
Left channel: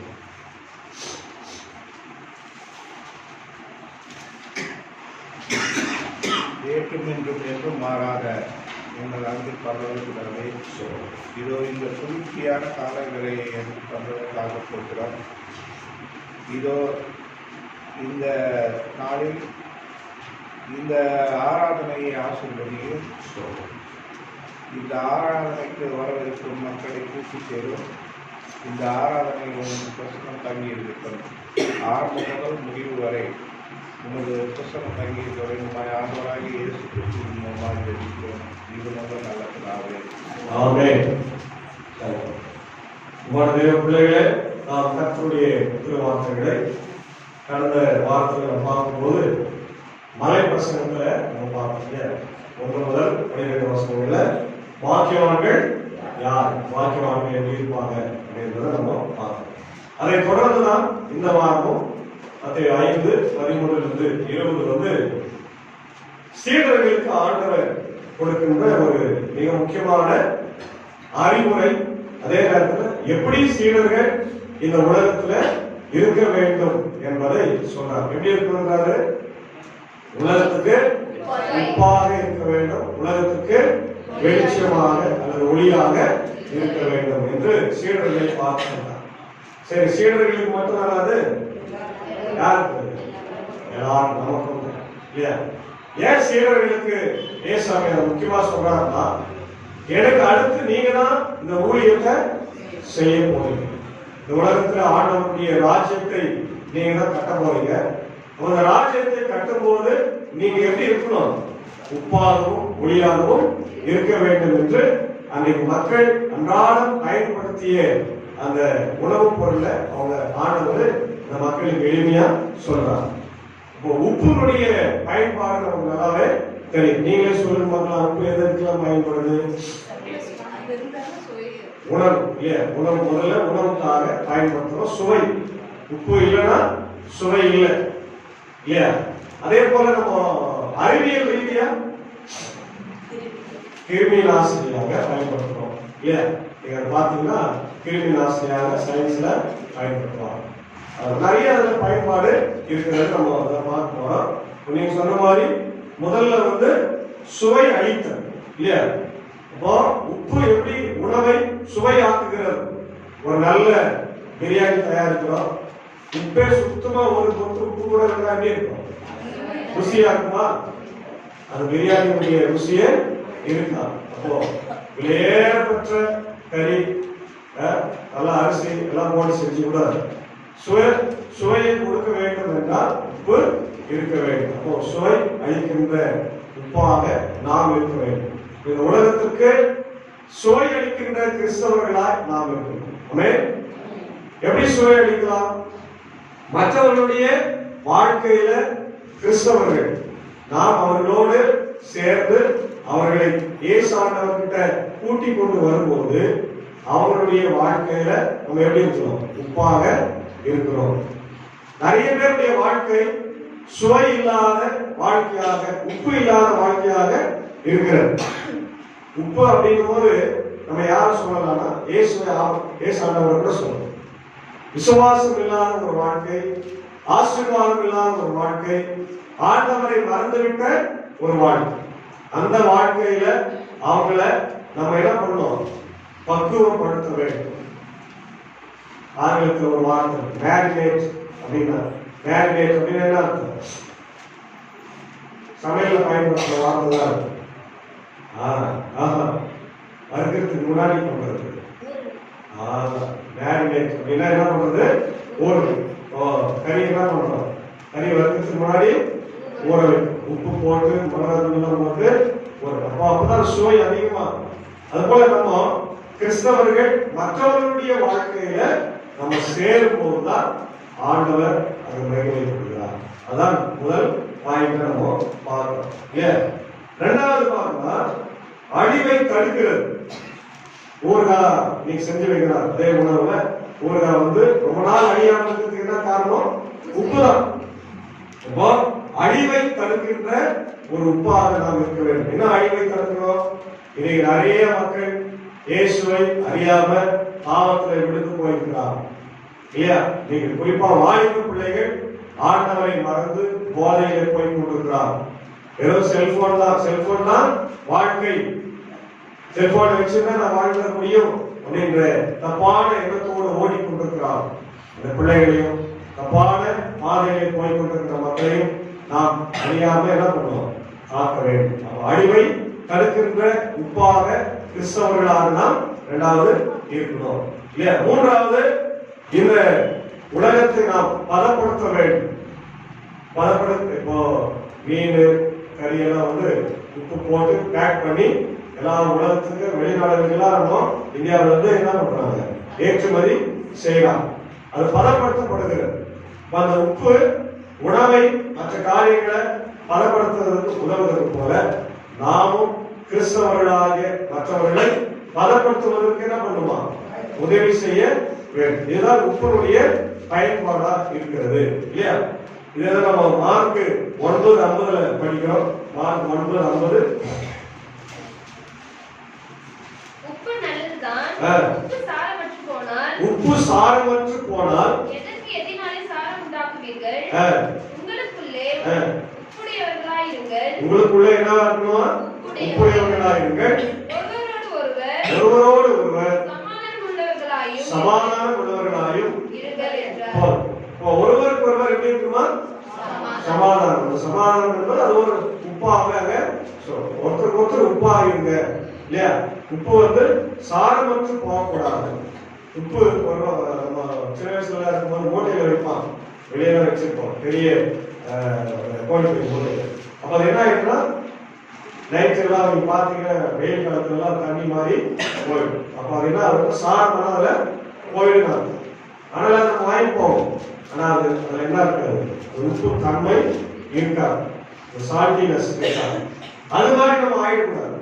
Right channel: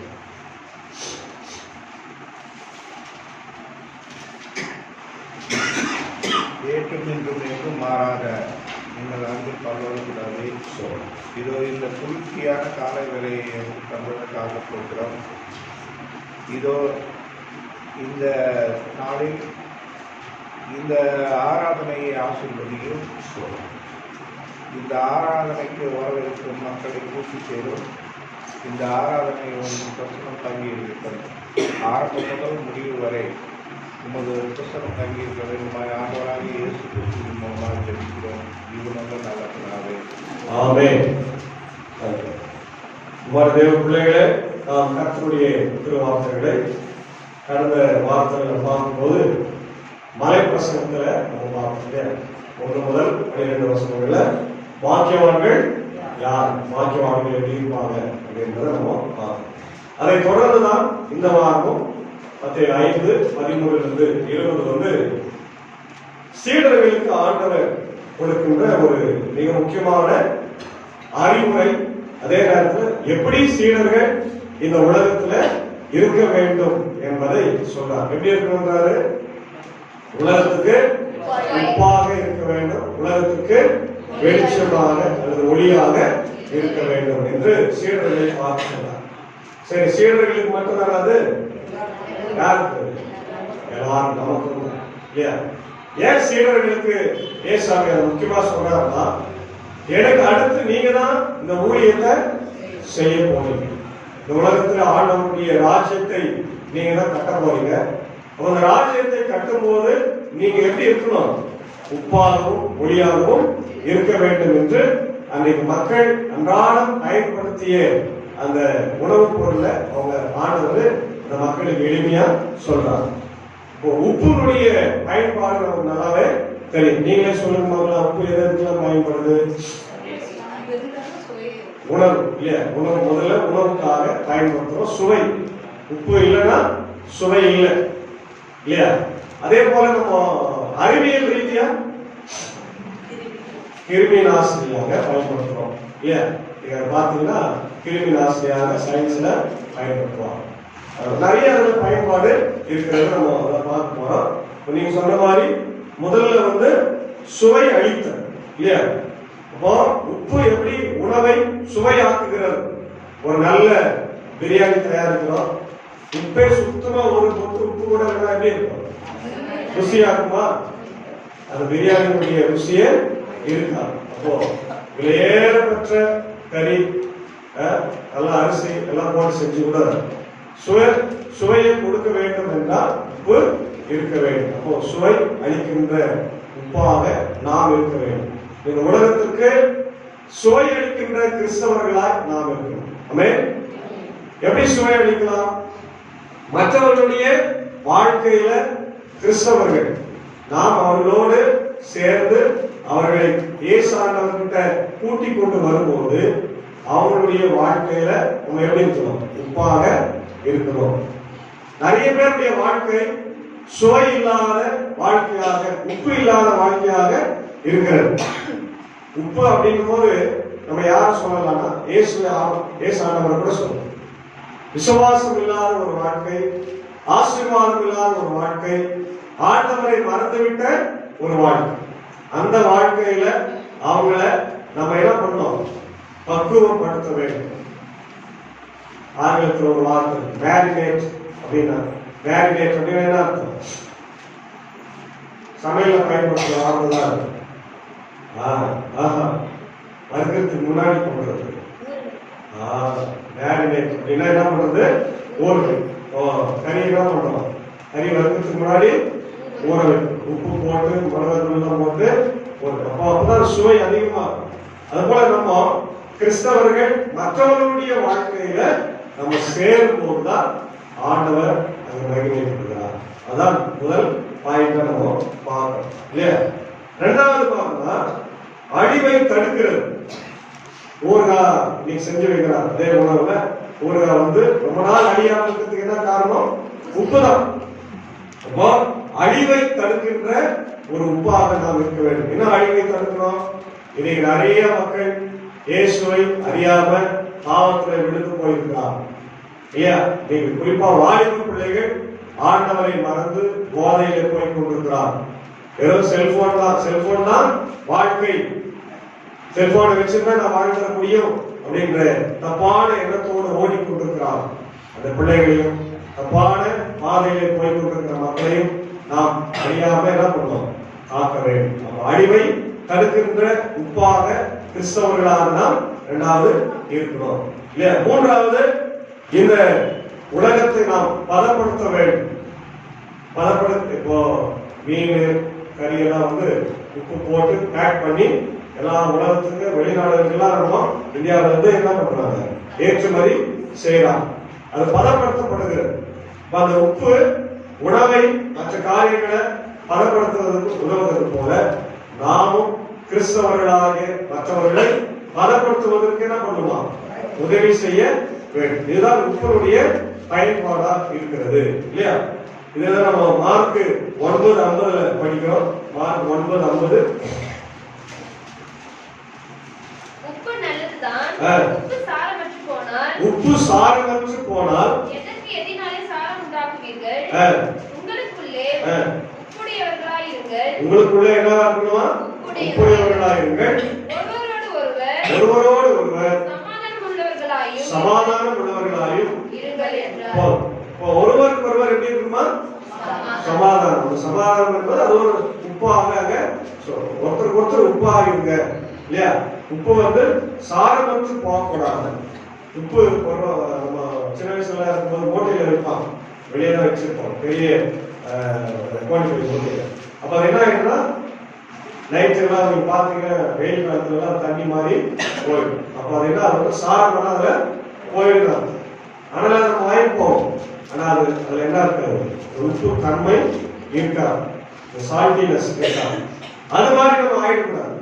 ஏற்றும் என்றும் மாறாத எங்கள் அன்பு பரலோகத்திலே இதோ இந்த குளிர்ச்சியான காலை வேளையை எங்களுக்கு தந்ததற்காக போகிறோம். இதோ இந்த நாளில் இந்த ஆராதனையை ஆசீர்வதியும். இந்த ஆராதனைக்கு வரவிருக்கும் மக்களை கூட்டி சேரும். இந்த ஆராதனை உங்களுக்கு பிரசனம் தங்கி இருக்கிறது. ஆரம்பம் முதல் முடிவு வரை உமது பிரசனம் தங்கி இருக்கிறது. உண்மை ஆண்டவராகி இயேசு கிறிஸ்துவின் மூலமாக ஜெபிக்கிறோம். இது நல்ல பிதாவே. ஆமென். தேவ பிள்ளைகளே, நாம் கர்த்தருடைய திருவார்த்தைகளை கடந்த வாரத்தில் பார்க்கும்போது மலை பிரசங்கத்துல நம்ம பார்த்தோம். 1 முதல் 12 வசனங்கள்ல வாக்கியவான்கள் யார், வாக்கியவான்கள் எப்படி இருப்பாங்க அப்படின்றத நம்ம பார்த்தோம். அதை தொடர்ந்துதான் இந்த வாரமும் 5:13 20 சீடர்களுக்கு ஆண்டவர் கொடுக்கின்ற ஒரு மிக முக்கியமான அறிவுரை. அதே நேரத்தில் எப்படி சீடர்கள் இந்த உலகத்துல இருக்க வேண்டும் என்பதை சொல்றார். எப்படி இருக்கிறாரு? உலகத்துக்கு உப்பாக இருக்க வேண்டும், உலகத்துக்கு வெளிச்சமாக அல்லது ஒளியாக இருக்க வேண்டும் என்று சீடர்களை பார்க்கிறார். சரி, சீடர்களுக்கு மட்டும்தான் அது யாருக்கு? எல்லாரும் நமக்கு இல்லையா? ஏன் சீடர்களுக்கு ஏசாமியார் முக்கியமா சொல்றாருன்னா, எனக்கு அடுத்து நீங்க தான் இந்த ஊழியத்தை செய்ய போறீங்க. இந்த உலகத்துல ஆண்டவருடைய ராஜ்யத்தை நீங்க தான் கட்ட போறீங்க. அந்த ராஜ்யத்தை கட்டும் போது நீங்க எப்படி இருக்கணும்? உப்பாகவும் ஒளியாகவும் இருக்க வேண்டும் என்று அன்றைக்கு மக்கள் அன்றாடம் பயன்படுத்திய அந்த உணவுப் பொருளை அவங்க ஆண்டவர் இந்த மக்களுக்கு எளிமையா சொல்றாங்க. இப்போ உப்புனுடைய பயன்பாடு நமக்கு நல்லாவே தெரியும். நீங்களே சொல்லும் போது உப்பு எதற்கெல்லாம் பயன்படுது? உணவு இல்லையா? உணவு முதல்ல உணவுக்காக பயன்படுத்துறோம். சுவை, உப்பு இல்லைன்னா சுவை இல்லை இல்லையா? அதே போல நம்ம அறிவியல் ரீதியா கிருமி நாசினியாக பயன்படுத்துறோம் இல்லையா? இதை பாத்தீங்கன்னா கிருமி நாசினியாக சயின்ஸ்ல பயன்படுத்துவாங்க. நிறைய அதுல பயன்பாடு இருக்கிறது நம்ம அதை பார்க்க போறோம். நீங்க சொன்ன மாதிரி முதல்ல சுவை அளித்தல் இல்லையா? அப்போ உப்பு எப்படி உணவை சுவையாக்குகிறது? ஒரு நல்ல பிரியாணி தயாரிக்கிறோம், உப்பே சுத்தமா ஒரு தொட்டு உப்பு கூட எப்படி இருக்கும்? ருசியாக்குமா? அந்த பிரியாணியுடைய ருசியே இருக்கா? அப்போ விலையேறப்பட்ட கறி, நல்ல அரிசி எல்லாம் போட்டு செஞ்சு கூட சுவையை கொடுக்க வேண்டும் என்றால் உப்பு இருக்க வேண்டும். அப்போ சுவை அளிக்கின்ற உப்பாக நாம் இருக்க வேண்டும். இந்த உலகத்திற்கு சுவை அளிக்கின்ற கிறிஸ்தவர்களாய் நாம் இருக்கணும். ஆமென். எப்படி சுவை அளிக்கலாம்? மற்றவர்களுடைய வாழ்க்கையில கிறிஸ்தவர்கள் நாம் அவர்களோடு சேர்ந்து அவர்களை இயேசு ஆண்டவர்கிட்ட கூட்டி கொண்டு வரும்போது அவர்களுடைய வாழ்க்கையில நம்ம எப்படி இருக்கிறோம்? உப்பாக இருக்கிறோம். நிறைய பேருடைய வாழ்க்கை சுவை இல்லாத வாழ்க்கையாக, உப்பு இல்லாத வாழ்க்கையாக இருக்கிறது. உப்பு அப்படிங்கும் போது நம்ம யாரும் சொல்லலாம்னா இயேசு ஆண்டவர் கூட சொல்லணும். விசுவாசம் இல்லாத ஒரு வாழ்க்கை, ஆசீர்வாதம் இல்லாத ஒரு வாழ்க்கை, ஆண்டவரை மறந்துவிட்ட ஒரு வாழ்க்கை. அந்த வாழ்க்கையில அவங்கள நம்ம என்ன பண்ணோம்? பக்குவப்படுத்த வேண்டும். ஆங்கிலத்தில் ஒரு வார்த்தை மேரினேட் அப்படின்னா, மேரினேட் அப்படின்னு என்ன அர்த்தம்? சமையல பயன்படுத்துற வார்த்தை தான் இருக்கு. வறுக்கிறதுக்கு முன்னாடி பண்றது மேரினேட் அப்படின்னா என்ன பண்றது? ஊறுகாய். கறி என்ன பண்றோம்? கறி வறுக்கிறதுக்கு முன்னாடி ஊற வைக்கும். உப்பு போட்டு மிளகாய் போட்டு அப்பதான் சுவை அதிகமாகும். அது போல நம்ம கிறிஸ்தவர்கள் மற்றவர்களுடைய வாழ்க்கையில நம்ம சேரும் போதுதான் ஆண்டவர் அங்க மகிமைப்படுகிறார். அதான் முதல் பாயிண்ட் நம்ம பார்க்கணும் இல்லையா? இரண்டாவது பார்த்தோம்னா அழிவை தடுக்கிறது. ஊறுகாய் நீங்க செஞ்சு வைக்கிறார் அதே உணவுல ஊறுகாய் ரொம்ப நாள் அழியாம இருக்கிறதுக்கு என்ன காரணம்? உப்புதான். அப்போ அழிவை தடுக்கின்ற ஒரு உப்பாக நாம் இருக்க வேண்டும். என்ன அழிவை தடுக்கிறோம்? இன்னைக்கு நிறைய மக்கள் இயேசுவை அறியாம பாவத்துல விழுந்து போயிருக்கிறார் இல்லையா? நீங்க குறிப்பா வாலிப பிள்ளைகள் ஆண்டவரை மறந்து போதையில போய் கொண்டிருக்கிறார். ஏதோ செல்போன் தான் வாழ்க்கை, செல்போனை வச்சுதான் நான் வாழ்ந்துட முடியும் அப்படின்ற தப்பான எண்ணத்தோடு ஓடிக்கொண்டிருக்கிறார். அந்த பிள்ளைகளையும் தப்பான பாதையிலே போய் கொண்டிருக்கிற மக்களையும் நாம் அறியாம என்ன பண்ணோம்? காக்க வேண்டும். அழிவை தடுக்கின்ற உப்பாக கிறிஸ்தவர்களாக நாம் இரண்டாவது இருக்கணும் இல்லையா? மூன்றாவது, இந்த உலகத்தை நாம் பதப்படுத்த வேண்டும். பதப்படுத்த இப்போ மீன் கறியெல்லாம் உப்பு போட்டு பேக் பண்ணி எல்லா உலகத்துக்கு வெளிநாடுகள்லாம் நம்ம இந்தியாவில என்ன பண்றாங்க? ஏற்றுமதி செய்யலாம். அது பதப்படுத்தப்படுகிறது. அந்த உப்பு உணவை மற்ற காரியங்களை பதப்படுத்துவதற்கு உதவுவது போல நாமும் கிறிஸ்தவர்களாகிய மற்றவர்களை பதப்படுத்துவதற்கு என்ன பண்ணுவோம்? உதவி செய்ய வேண்டும். இதுதான் உப்பினுடைய பயன்பாடா இருக்கிறது இல்லையா? இதெல்லாம் நம்ம மார்க் 9:50 படிக்கிறோம். மார்க் 9:50. உப்பு நல்லதுதான். உப்பு சாரமற்று போனால் எதற்கு எதினாலே சாரம் உண்டாக்குவீர்கள்? உங்களுக்குள்ளே உப்புடையவர்களாய் இருங்கள். உங்களுக்குள்ளே என்னவா இருக்கணுமா? உப்புடையவர்களாய் இருங்கள். ஒருவரோடு ஒருவர் சமாதானம் உள்ளவர்களாயும் இருங்கள் என்றார். ஒருவருக்கு ஒருவர் எப்படி இருக்குமா? சமாதானம். சமாதானம் என்பது அது ஒரு உப்பாக ஒருத்தருக்கு ஒருத்தர் உப்பாக இருங்க இல்லையா? உப்பு சாரமற்று போகக்கூடாது. உப்பு சின்ன வயசுல இருக்கும்போது மூட்டையில வைப்பான், வெளியே தான் வச்சிருப்போம், பெரிய கோழிப்படி மூட்டையில. அப்ப அது என்ன ஆயிடும்னா நைட்டுலாம் நீங்க பாத்தீங்க, வெயில் காலத்துல எல்லாம் தண்ணி மாதிரி போயிடும். அப்ப அது என்ன சாரம் அதுல போயிடும். ஆனா அது வாங்கி போகும். ஆனா அதுல என்ன இருக்காது? உப்பு தன்மை இருக்காது, சால்டினஸ் இருக்காது. அது மாதிரி நம்ம ஆயிடக்கூடாது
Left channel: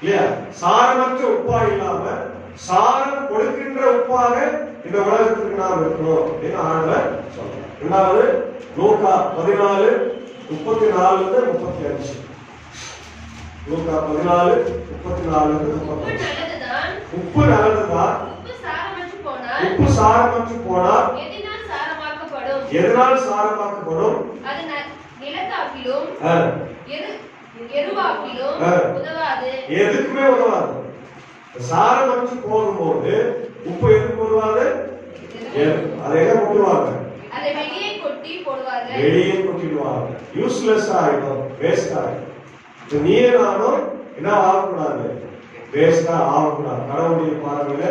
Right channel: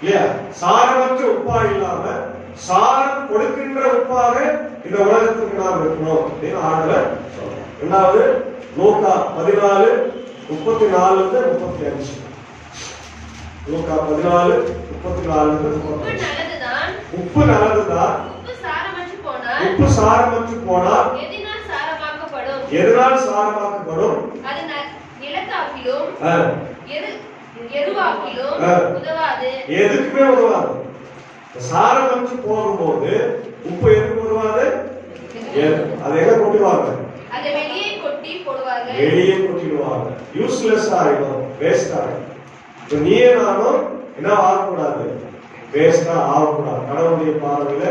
இல்லையா? சாரமற்ற உப்பா இல்லாம சாரம் கொடுக்கின்ற உப்பாக இந்த உலகத்துக்கு நாம் இருக்கணும் அப்படின்னு ஆண்டவர் சொல்றார். இரண்டாவது லூக்கா 14:34-35. லூக்கா 14:34-35. உப்பு நல்லதுதான். உப்பு சாரமற்று போனால் எதனால் சாரமாக்கப்படும்? அது நிலத்தாக்கிலும் எருவாக்கிலும் உதவாது. எதுக்குமே உதவாது. சாரமற்று போகும்போது உப்பு எதுக்கு உதவாது? அதை எங்க கொட்டுவாங்க? அதை வெளியே கொட்டி போடுவாங்க. வெளியே கொட்டிடுவாங்க. யூஸ்லெஸ் ஆயிடும், வேஸ்ட் ஆயிடும். நீயே நானும் என்ன ஆகக்கூடாது? வேஸ்டா ஆகக்கூடாது. கடவுளுடைய பார்வையில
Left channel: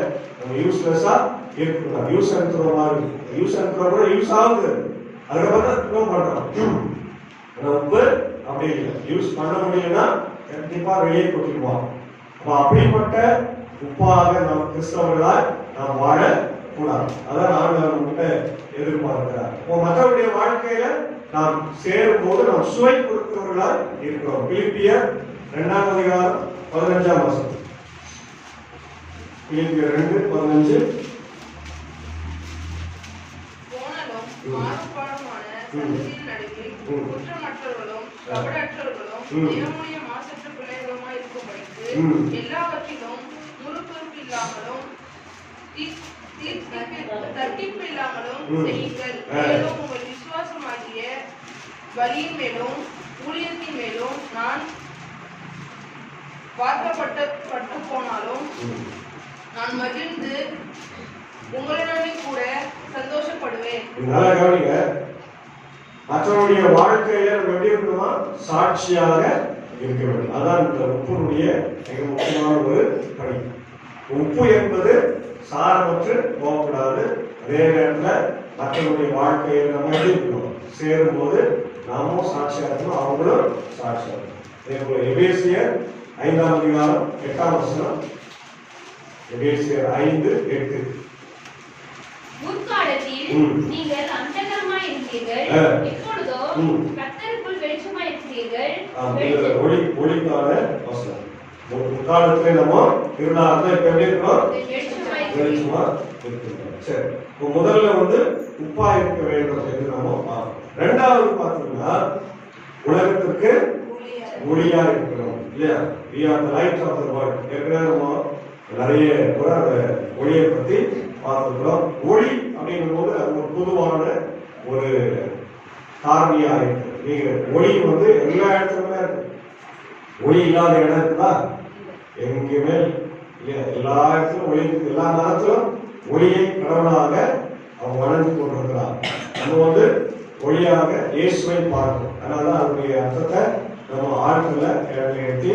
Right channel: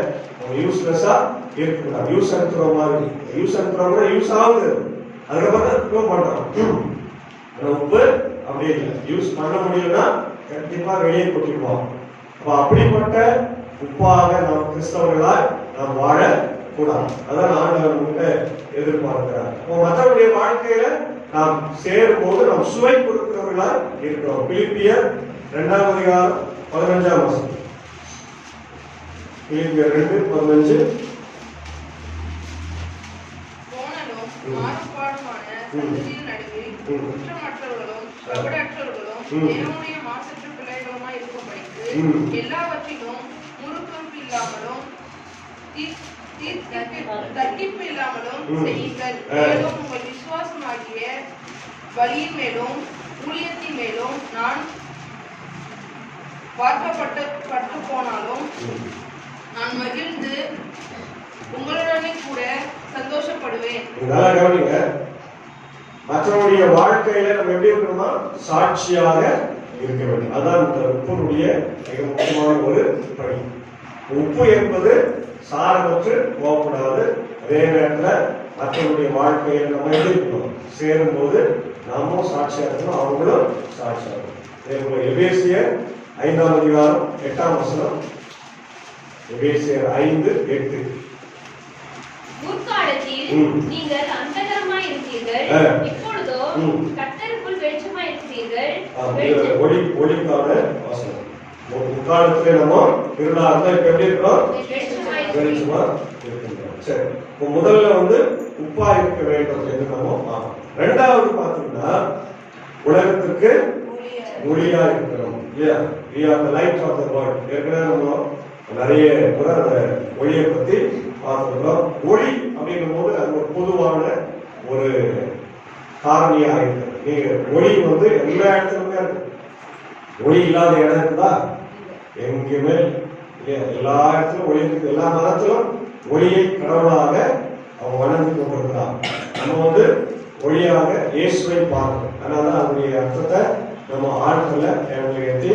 யூஸ்லெஸ்ஸா இருக்கக்கூடாது. யூஸ் அனுப்புற மாதிரி யூஸ் அனுப்புற கூட யூஸ் ஆகுது. அதுக்கப்புறம் த்ரோ பண்றோம். ஆனா உப்பு அப்படி இல்லை, யூஸ் பண்ண முடியலன்னா கண்டிப்பா வெளியே கொட்டிடுவோம். அப்ப அப்படிப்பட்ட உப்பாக நாம் கிறிஸ்தவர்களாய் நாம் வாழ கூடாது. அதான் ஆண்டவர் கிட்ட எதிர்பார்க்கிறார். மற்றவருடைய வாழ்க்கையில நாம் சேரும் போது நாம் சுவை கொடுக்கிறவர்களா இருக்கிறோம். பிலிப்பியர் 2ஆம் அதிகாரம் 15ஆம் வசனம். பிலிப்பியர் 2:15. மாறுபாடுமான சந்ததியில் நடுவே குற்றமற்றவர்களும் கபடற்றவர்களும் தேவனுடைய மாசற்ற பிள்ளைகளுமாய் இருக்கும்படிக்கு எல்லாவற்றிலும் முறுக்குறுப்பு இல்லாமலும் தட்டிப்பு இல்லாமலும் செய்யுங்கள். மேலும் உங்கள் விசுவாசமாகிய வழியின் மேலும் ஊழியத்தின் மேலும் நான் பார்க்கப்பட்டு போனாலும் நான் மகிழ்ந்து உங்களுடனே கூட சந்தோஷப்படுவேன். மற்றவருடைய வாழ்க்கையில நம்ம எப்படி இருக்கணுமா? சாட்சியாக இருக்க வேண்டும். அதான் இந்த உப்புடைய மிக முக்கியமான ஒரு பணி. உப்பு என்பது சாரமற்று போகக்கூடாது. அதே நேரத்தில் மற்றவருடைய வாழ்க்கையில் நம்ம எப்படி இருக்கணும்? சேரும் போது நாமும் சாட்சியாக இருக்கணும், அவங்களும் சாட்சியாக இருக்கணும். அதே போல எபேசியர் 5ஆம் அதிகாரம் 8ஆம் வசனம். எபேசியர் 5:8. முற்காலத்தில் நீங்கள் அந்தகரமாய் இருந்தீர்கள், இப்பொழுதோ கர்த்தருக்குள் வெளிச்சமாய் இருக்கிறீர்கள். ஒளிக்கான வசனம். முற்காலத்துல நம்ம இருளாக இப்ப எப்படி இருக்கிறோம்? வெளிச்சமா இருக்கின்றோம். சரி, முதல்ல உப்பா இருக்க வேண்டும் என்று நம்ம பார்க்கணும். ரெண்டாவது பார்த்தீங்கன்னா உலகத்திற்கு ஒளியா இருக்கிறோம் இல்லையா? We are the light of the world. ஏற்கனவே நம்ம நிறைய கூட அந்த ஒளியை பத்தி பார்த்துக்கிறோம். ஒளி அப்படிங்கும் போது அது ஒரு பொதுவான ஒரு காரணியா இருக்கு. நீங்க ஒளி எல்லா இடத்துலயுமே இருக்கு. ஒளி இல்லாத இடம் இருக்குதா? எங்கேயுமே இல்லையா? எல்லா இடத்துலும் ஒளி இருக்கு. எல்லா மதத்திலும் ஒளியை கடவுளாக அவங்க வளர்ந்து கொண்டிருக்கிறாங்க. நம்ம ஒளியாக இயேசுவை பார்க்கணும். அதனால அதனுடைய அர்த்தத்தை நம்ம ஆழ்கல்ல ஏற்றி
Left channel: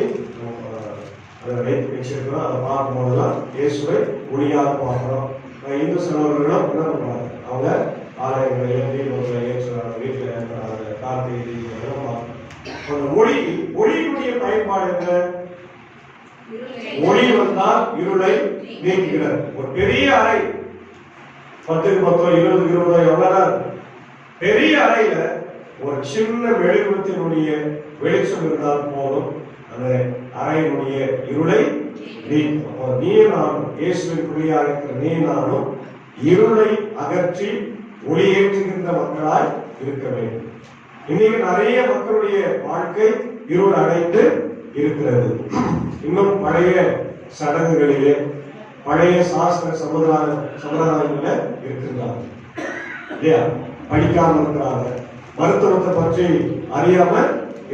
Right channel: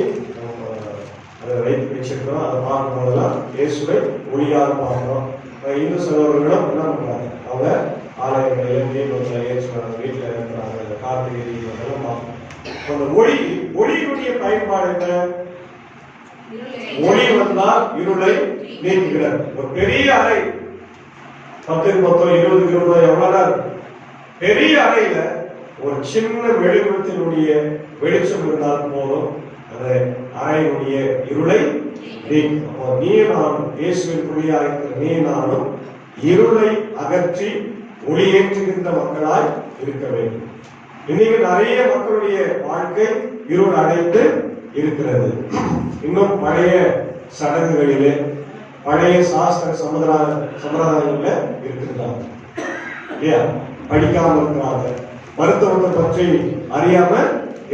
அதை வைத்து வச்சிருக்கிறோம். அதை பார்க்கும் போதெல்லாம் இயேசுவை ஒளியாக பார்க்கிறோம். இந்து சகோதரர்களும் என்ன பண்றாங்க? அவங்க ஆலயங்களில் தீபங்களை ஏற்றுறாங்க, வீட்டில் இருக்கிறாங்க, கார்த்திகை தீபங்களும் பார்க்கணும். ஒளியுடைய பயன்பாடு என்ன? ஒளி வந்தால் இருளை நீக்குகிறது. ஒரு பெரிய அறை 10 20 எவ்வளவு பெரிய அறையில ஒரு சின்ன வெளிச்சத்தினுடைய வெளிச்சம் இருந்தால் போதும் அந்த அறையினுடைய இருளை நீக்கும். நீ நானும் இயேசுவின் பிள்ளையா இருக்கிற நீ நானும் இருளை அகற்றி ஒளியேற்றுகின்ற மக்களாய் இருக்க வேண்டும். இன்னைக்கு நிறைய மக்களுடைய வாழ்க்கை இருள் அடைந்து இருக்கிறது. இன்னும் பழைய சடங்குகளிலே பழைய சாஸ்திர சம்பிரதாயங்கள இருக்கின்றாங்க இல்லையா? படிக்காம இருக்கிறாங்க, மருத்துவத்தை பற்றி அறியாம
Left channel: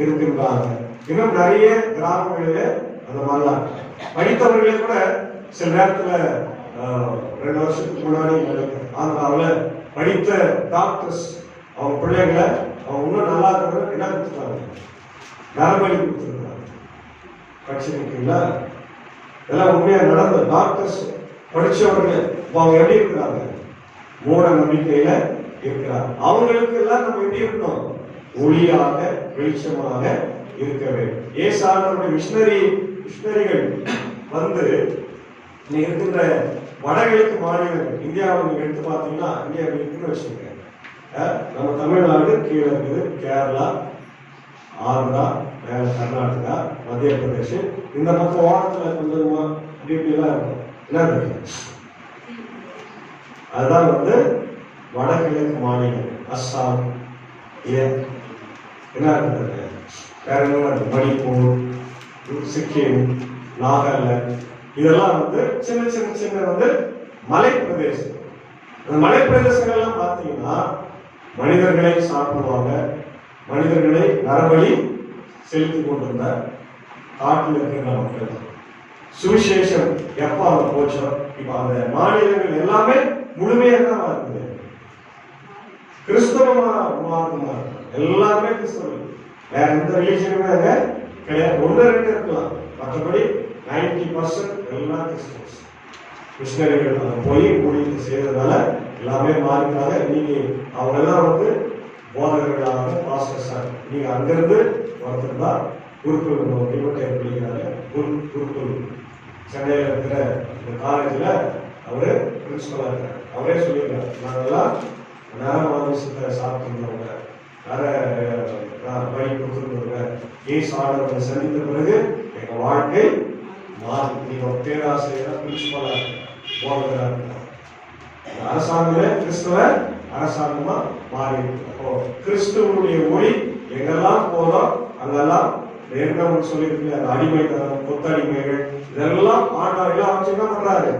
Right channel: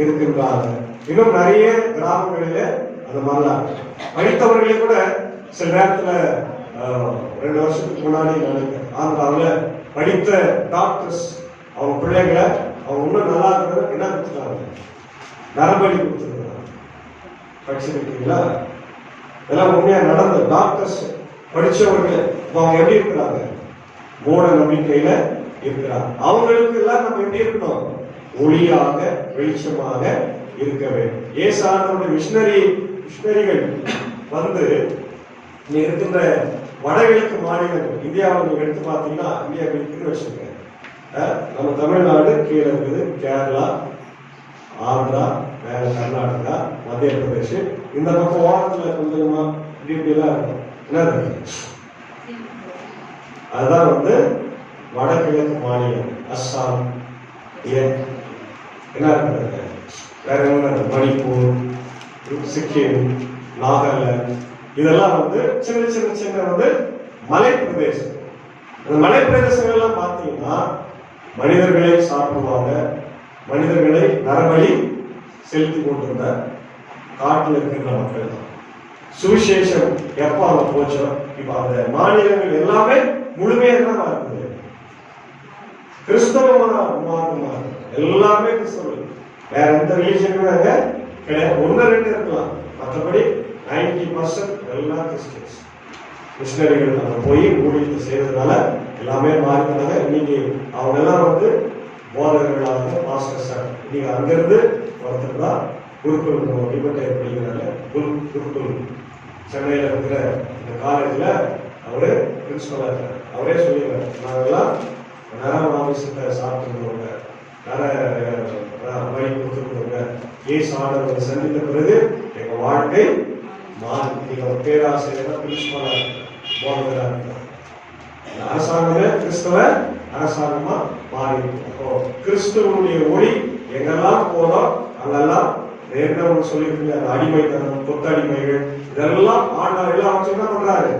இருக்கின்றாங்க. இன்னும் நிறைய கிராமங்களில அந்த மாதிரிதான் படித்தவர்களே கூட சில நேரத்துல 2 வருஷத்துக்கு முன்னாடி ஆந்திராவில் படித்த டாக்டர்ஸ் அவங்க பிள்ளைங்களை அவங்க இன்னும் நல்லா இருக்கிறது என்ன கொடுத்துட்டாங்க? நரம்பலி கொடுத்துருக்காங்க. படிச்சிருக்கீங்களா? இதெல்லாம் உண்மையா நடந்த டாக்டர்ஸ் படிச்சவர்கள் அவங்க எப்படி இருக்கிறாங்க? மூட நம்பிக்கையில இருக்கிறாங்க. அவங்களுக்கு எல்லாம் நம்ம எப்படி இருக்கணும்? ஒளியாக வெளிச்சமாக இருக்க வேண்டும். ஏசானவருடைய மிஷனரிகள் இருக்கின்ற வடகிழக்கு மாநிலங்கள் இந்தியாவை நீங்க எடுத்து பார்த்தீங்கன்னா இந்தியா இருக்குன்னு வச்சுக்கோங்க. நம்ம தமிழ்நாடு கீழே இருக்குது, கேரளா, ஆந்திரா, மேல கர்நாடகா, மத்திய பிரதேஷ், இந்த பக்கம் ஓரத்துல கொஞ்சமா இப்படிலாம் இருக்கும். என்ன அதுதான் வடகிழக்கு மாநிலம். அஸ்ஸாம் என்ன இருக்கிறது? வேற என்ன? மணிப்பூர், சிக்கிம், நாகாலாந்து, இதெல்லாம் சின்ன சின்ன சின்ன மலை பிரதேசம். அந்த மலை பிரதேசங்கள் எல்லாம் பார்த்தீங்கன்னா மனிதர்களை சாப்பிடுவாங்க, மனிதர்களை நரபலி செலுத்தி கொண்டிருந்த காட்டில் இருக்கின்ற மக்கள். சுவிசேஷம் எப்ப அவங்க போச்சோ இப்ப அந்த மாநிலங்கள் எல்லாமே முழுமையாக தான் இருக்குது. கிறிஸ்தவமான மார்க்கமா எல்லாமே கிறிஸ்தவர்கள். வேற எந்த ரிலீஜனுமே அங்க கிடையாது. 1-2 இருக்கலாம், மற்றபடி 90% எல்லாம் கிறிஸ்டியன்ஸ். மிஷனரிகள் அங்க போய் ஊழியத்தை செய்ததுனால எல்லாமே மாறினாங்க. இன்னைக்கு அவங்க எல்லாம் போதகர்களாக பாஸ்டர் சார் நீங்க அங்கிருந்து ஒருத்தர் தான் குருக்குள் டிபெட்டை அப்படிங்கிறாங்க குருக்குள் சென்னையில் இருக்கிற இந்த காலேஜில் அவரு பிரின்சிபலாக இருக்கார். அவரே சொல்லிக்கிறார், நாங்கெல்லாம் நரமாமிசத்தை சாப்பிட்டுருந்தவங்க, வழி கொடுத்துருந்தவங்க, ஏசு ஆண்டவரை சந்தித்த பிறகு எங்கள் வாழ்க்கை மாறி நீங்க ஒரு பேராசிரியர் பிரின்சிபலாக போனவர்களாக இருக்கிறோம். அரசாங்கமே கிறிஸ்தவ அரசாங்கமா மாறி அப்போ கிறிஸ்துவனுடைய ஒளி எங்கெல்லாம் போதோம் அங்கெல்லாம் நேர்களை சொல்லியிருக்கீங்க. அந்த அடிமைத்தனம், கொத்தடிமைகள் இதெல்லாம் ஆண்டவர்கள் அவங்க என்ன பண்றாரு,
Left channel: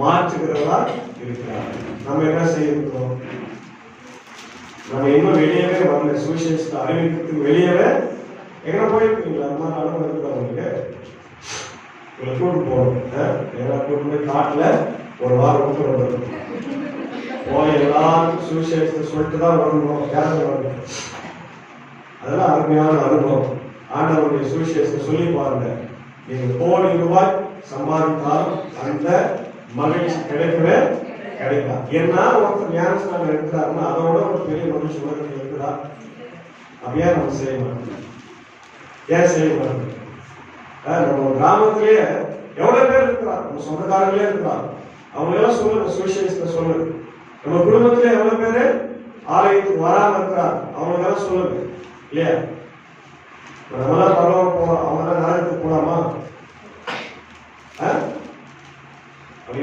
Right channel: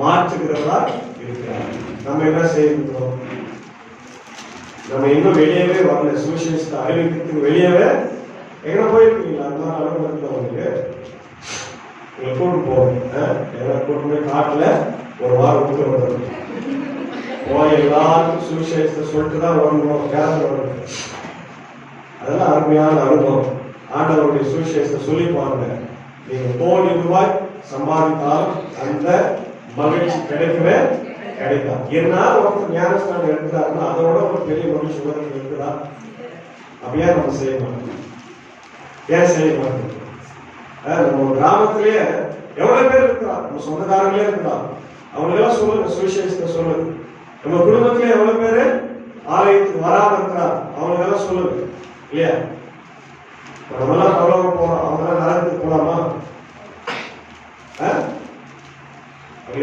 மாற்றுகிறதா இருக்கிறார். நம்ம என்ன செய்யணும், நம்ம இன்னும் வெளியவே வரல, சுவிசேஷத்தை அறிவிக்கிறதுக்கு வெளியவே எங்க போயிருக்கீங்களா? அந்த மாதிரி அளவு இருக்குது அவங்களுக்கு. உங்களை கூட்டு போகணும், எல்லாம் கூட்டு போய் காட்டுல ஒரு வாரம் கூட்டு வரணும், போய் எல்லாருக்கும் சுவிசேஷத்தை சொல்லிட்டு தான் வரணும், கிளம்பி வரணும். அதெல்லாம் அருமையான அனுபவம். ஆண்டவருடைய சுவிசேஷத்தை சொல்லி பாருங்க, நீங்க கோடி ரூபாய் சம்பாதித்தாலும் அந்த மகிழ்ச்சி கிடைக்கவே கிடைக்காது. என்னால ஒருத்தர் ஞானஸ்தானம் எடுக்கிறாருன்னா அதோட ஒரு பெரிய மகிழ்ச்சி உலகத்தில் இருக்குதா? அப்படியே நம்ம செய்ய மாட்டோம். ஏன் செய்ய மாட்டோம்? நம்ம கிராமத்திலேயே எவ்வளவு பேர் இருக்கிறார், நம்ம சொந்தக்காரங்களே இருக்கிறார், அவங்க எல்லாம் சொல்லுங்க சுவிசேஷத்தை சொல்லுங்க. நம்ம குடும்பத்திலே எவ்வளவு பேரு ஆலயத்துக்கு வராம இருக்கிறார், அவங்க எல்லாம் சொல்லுங்க இல்லையா? நம்மளாம் பரவாயில்ல போறோம், அவங்க நரகத்துக்கு போலாமா?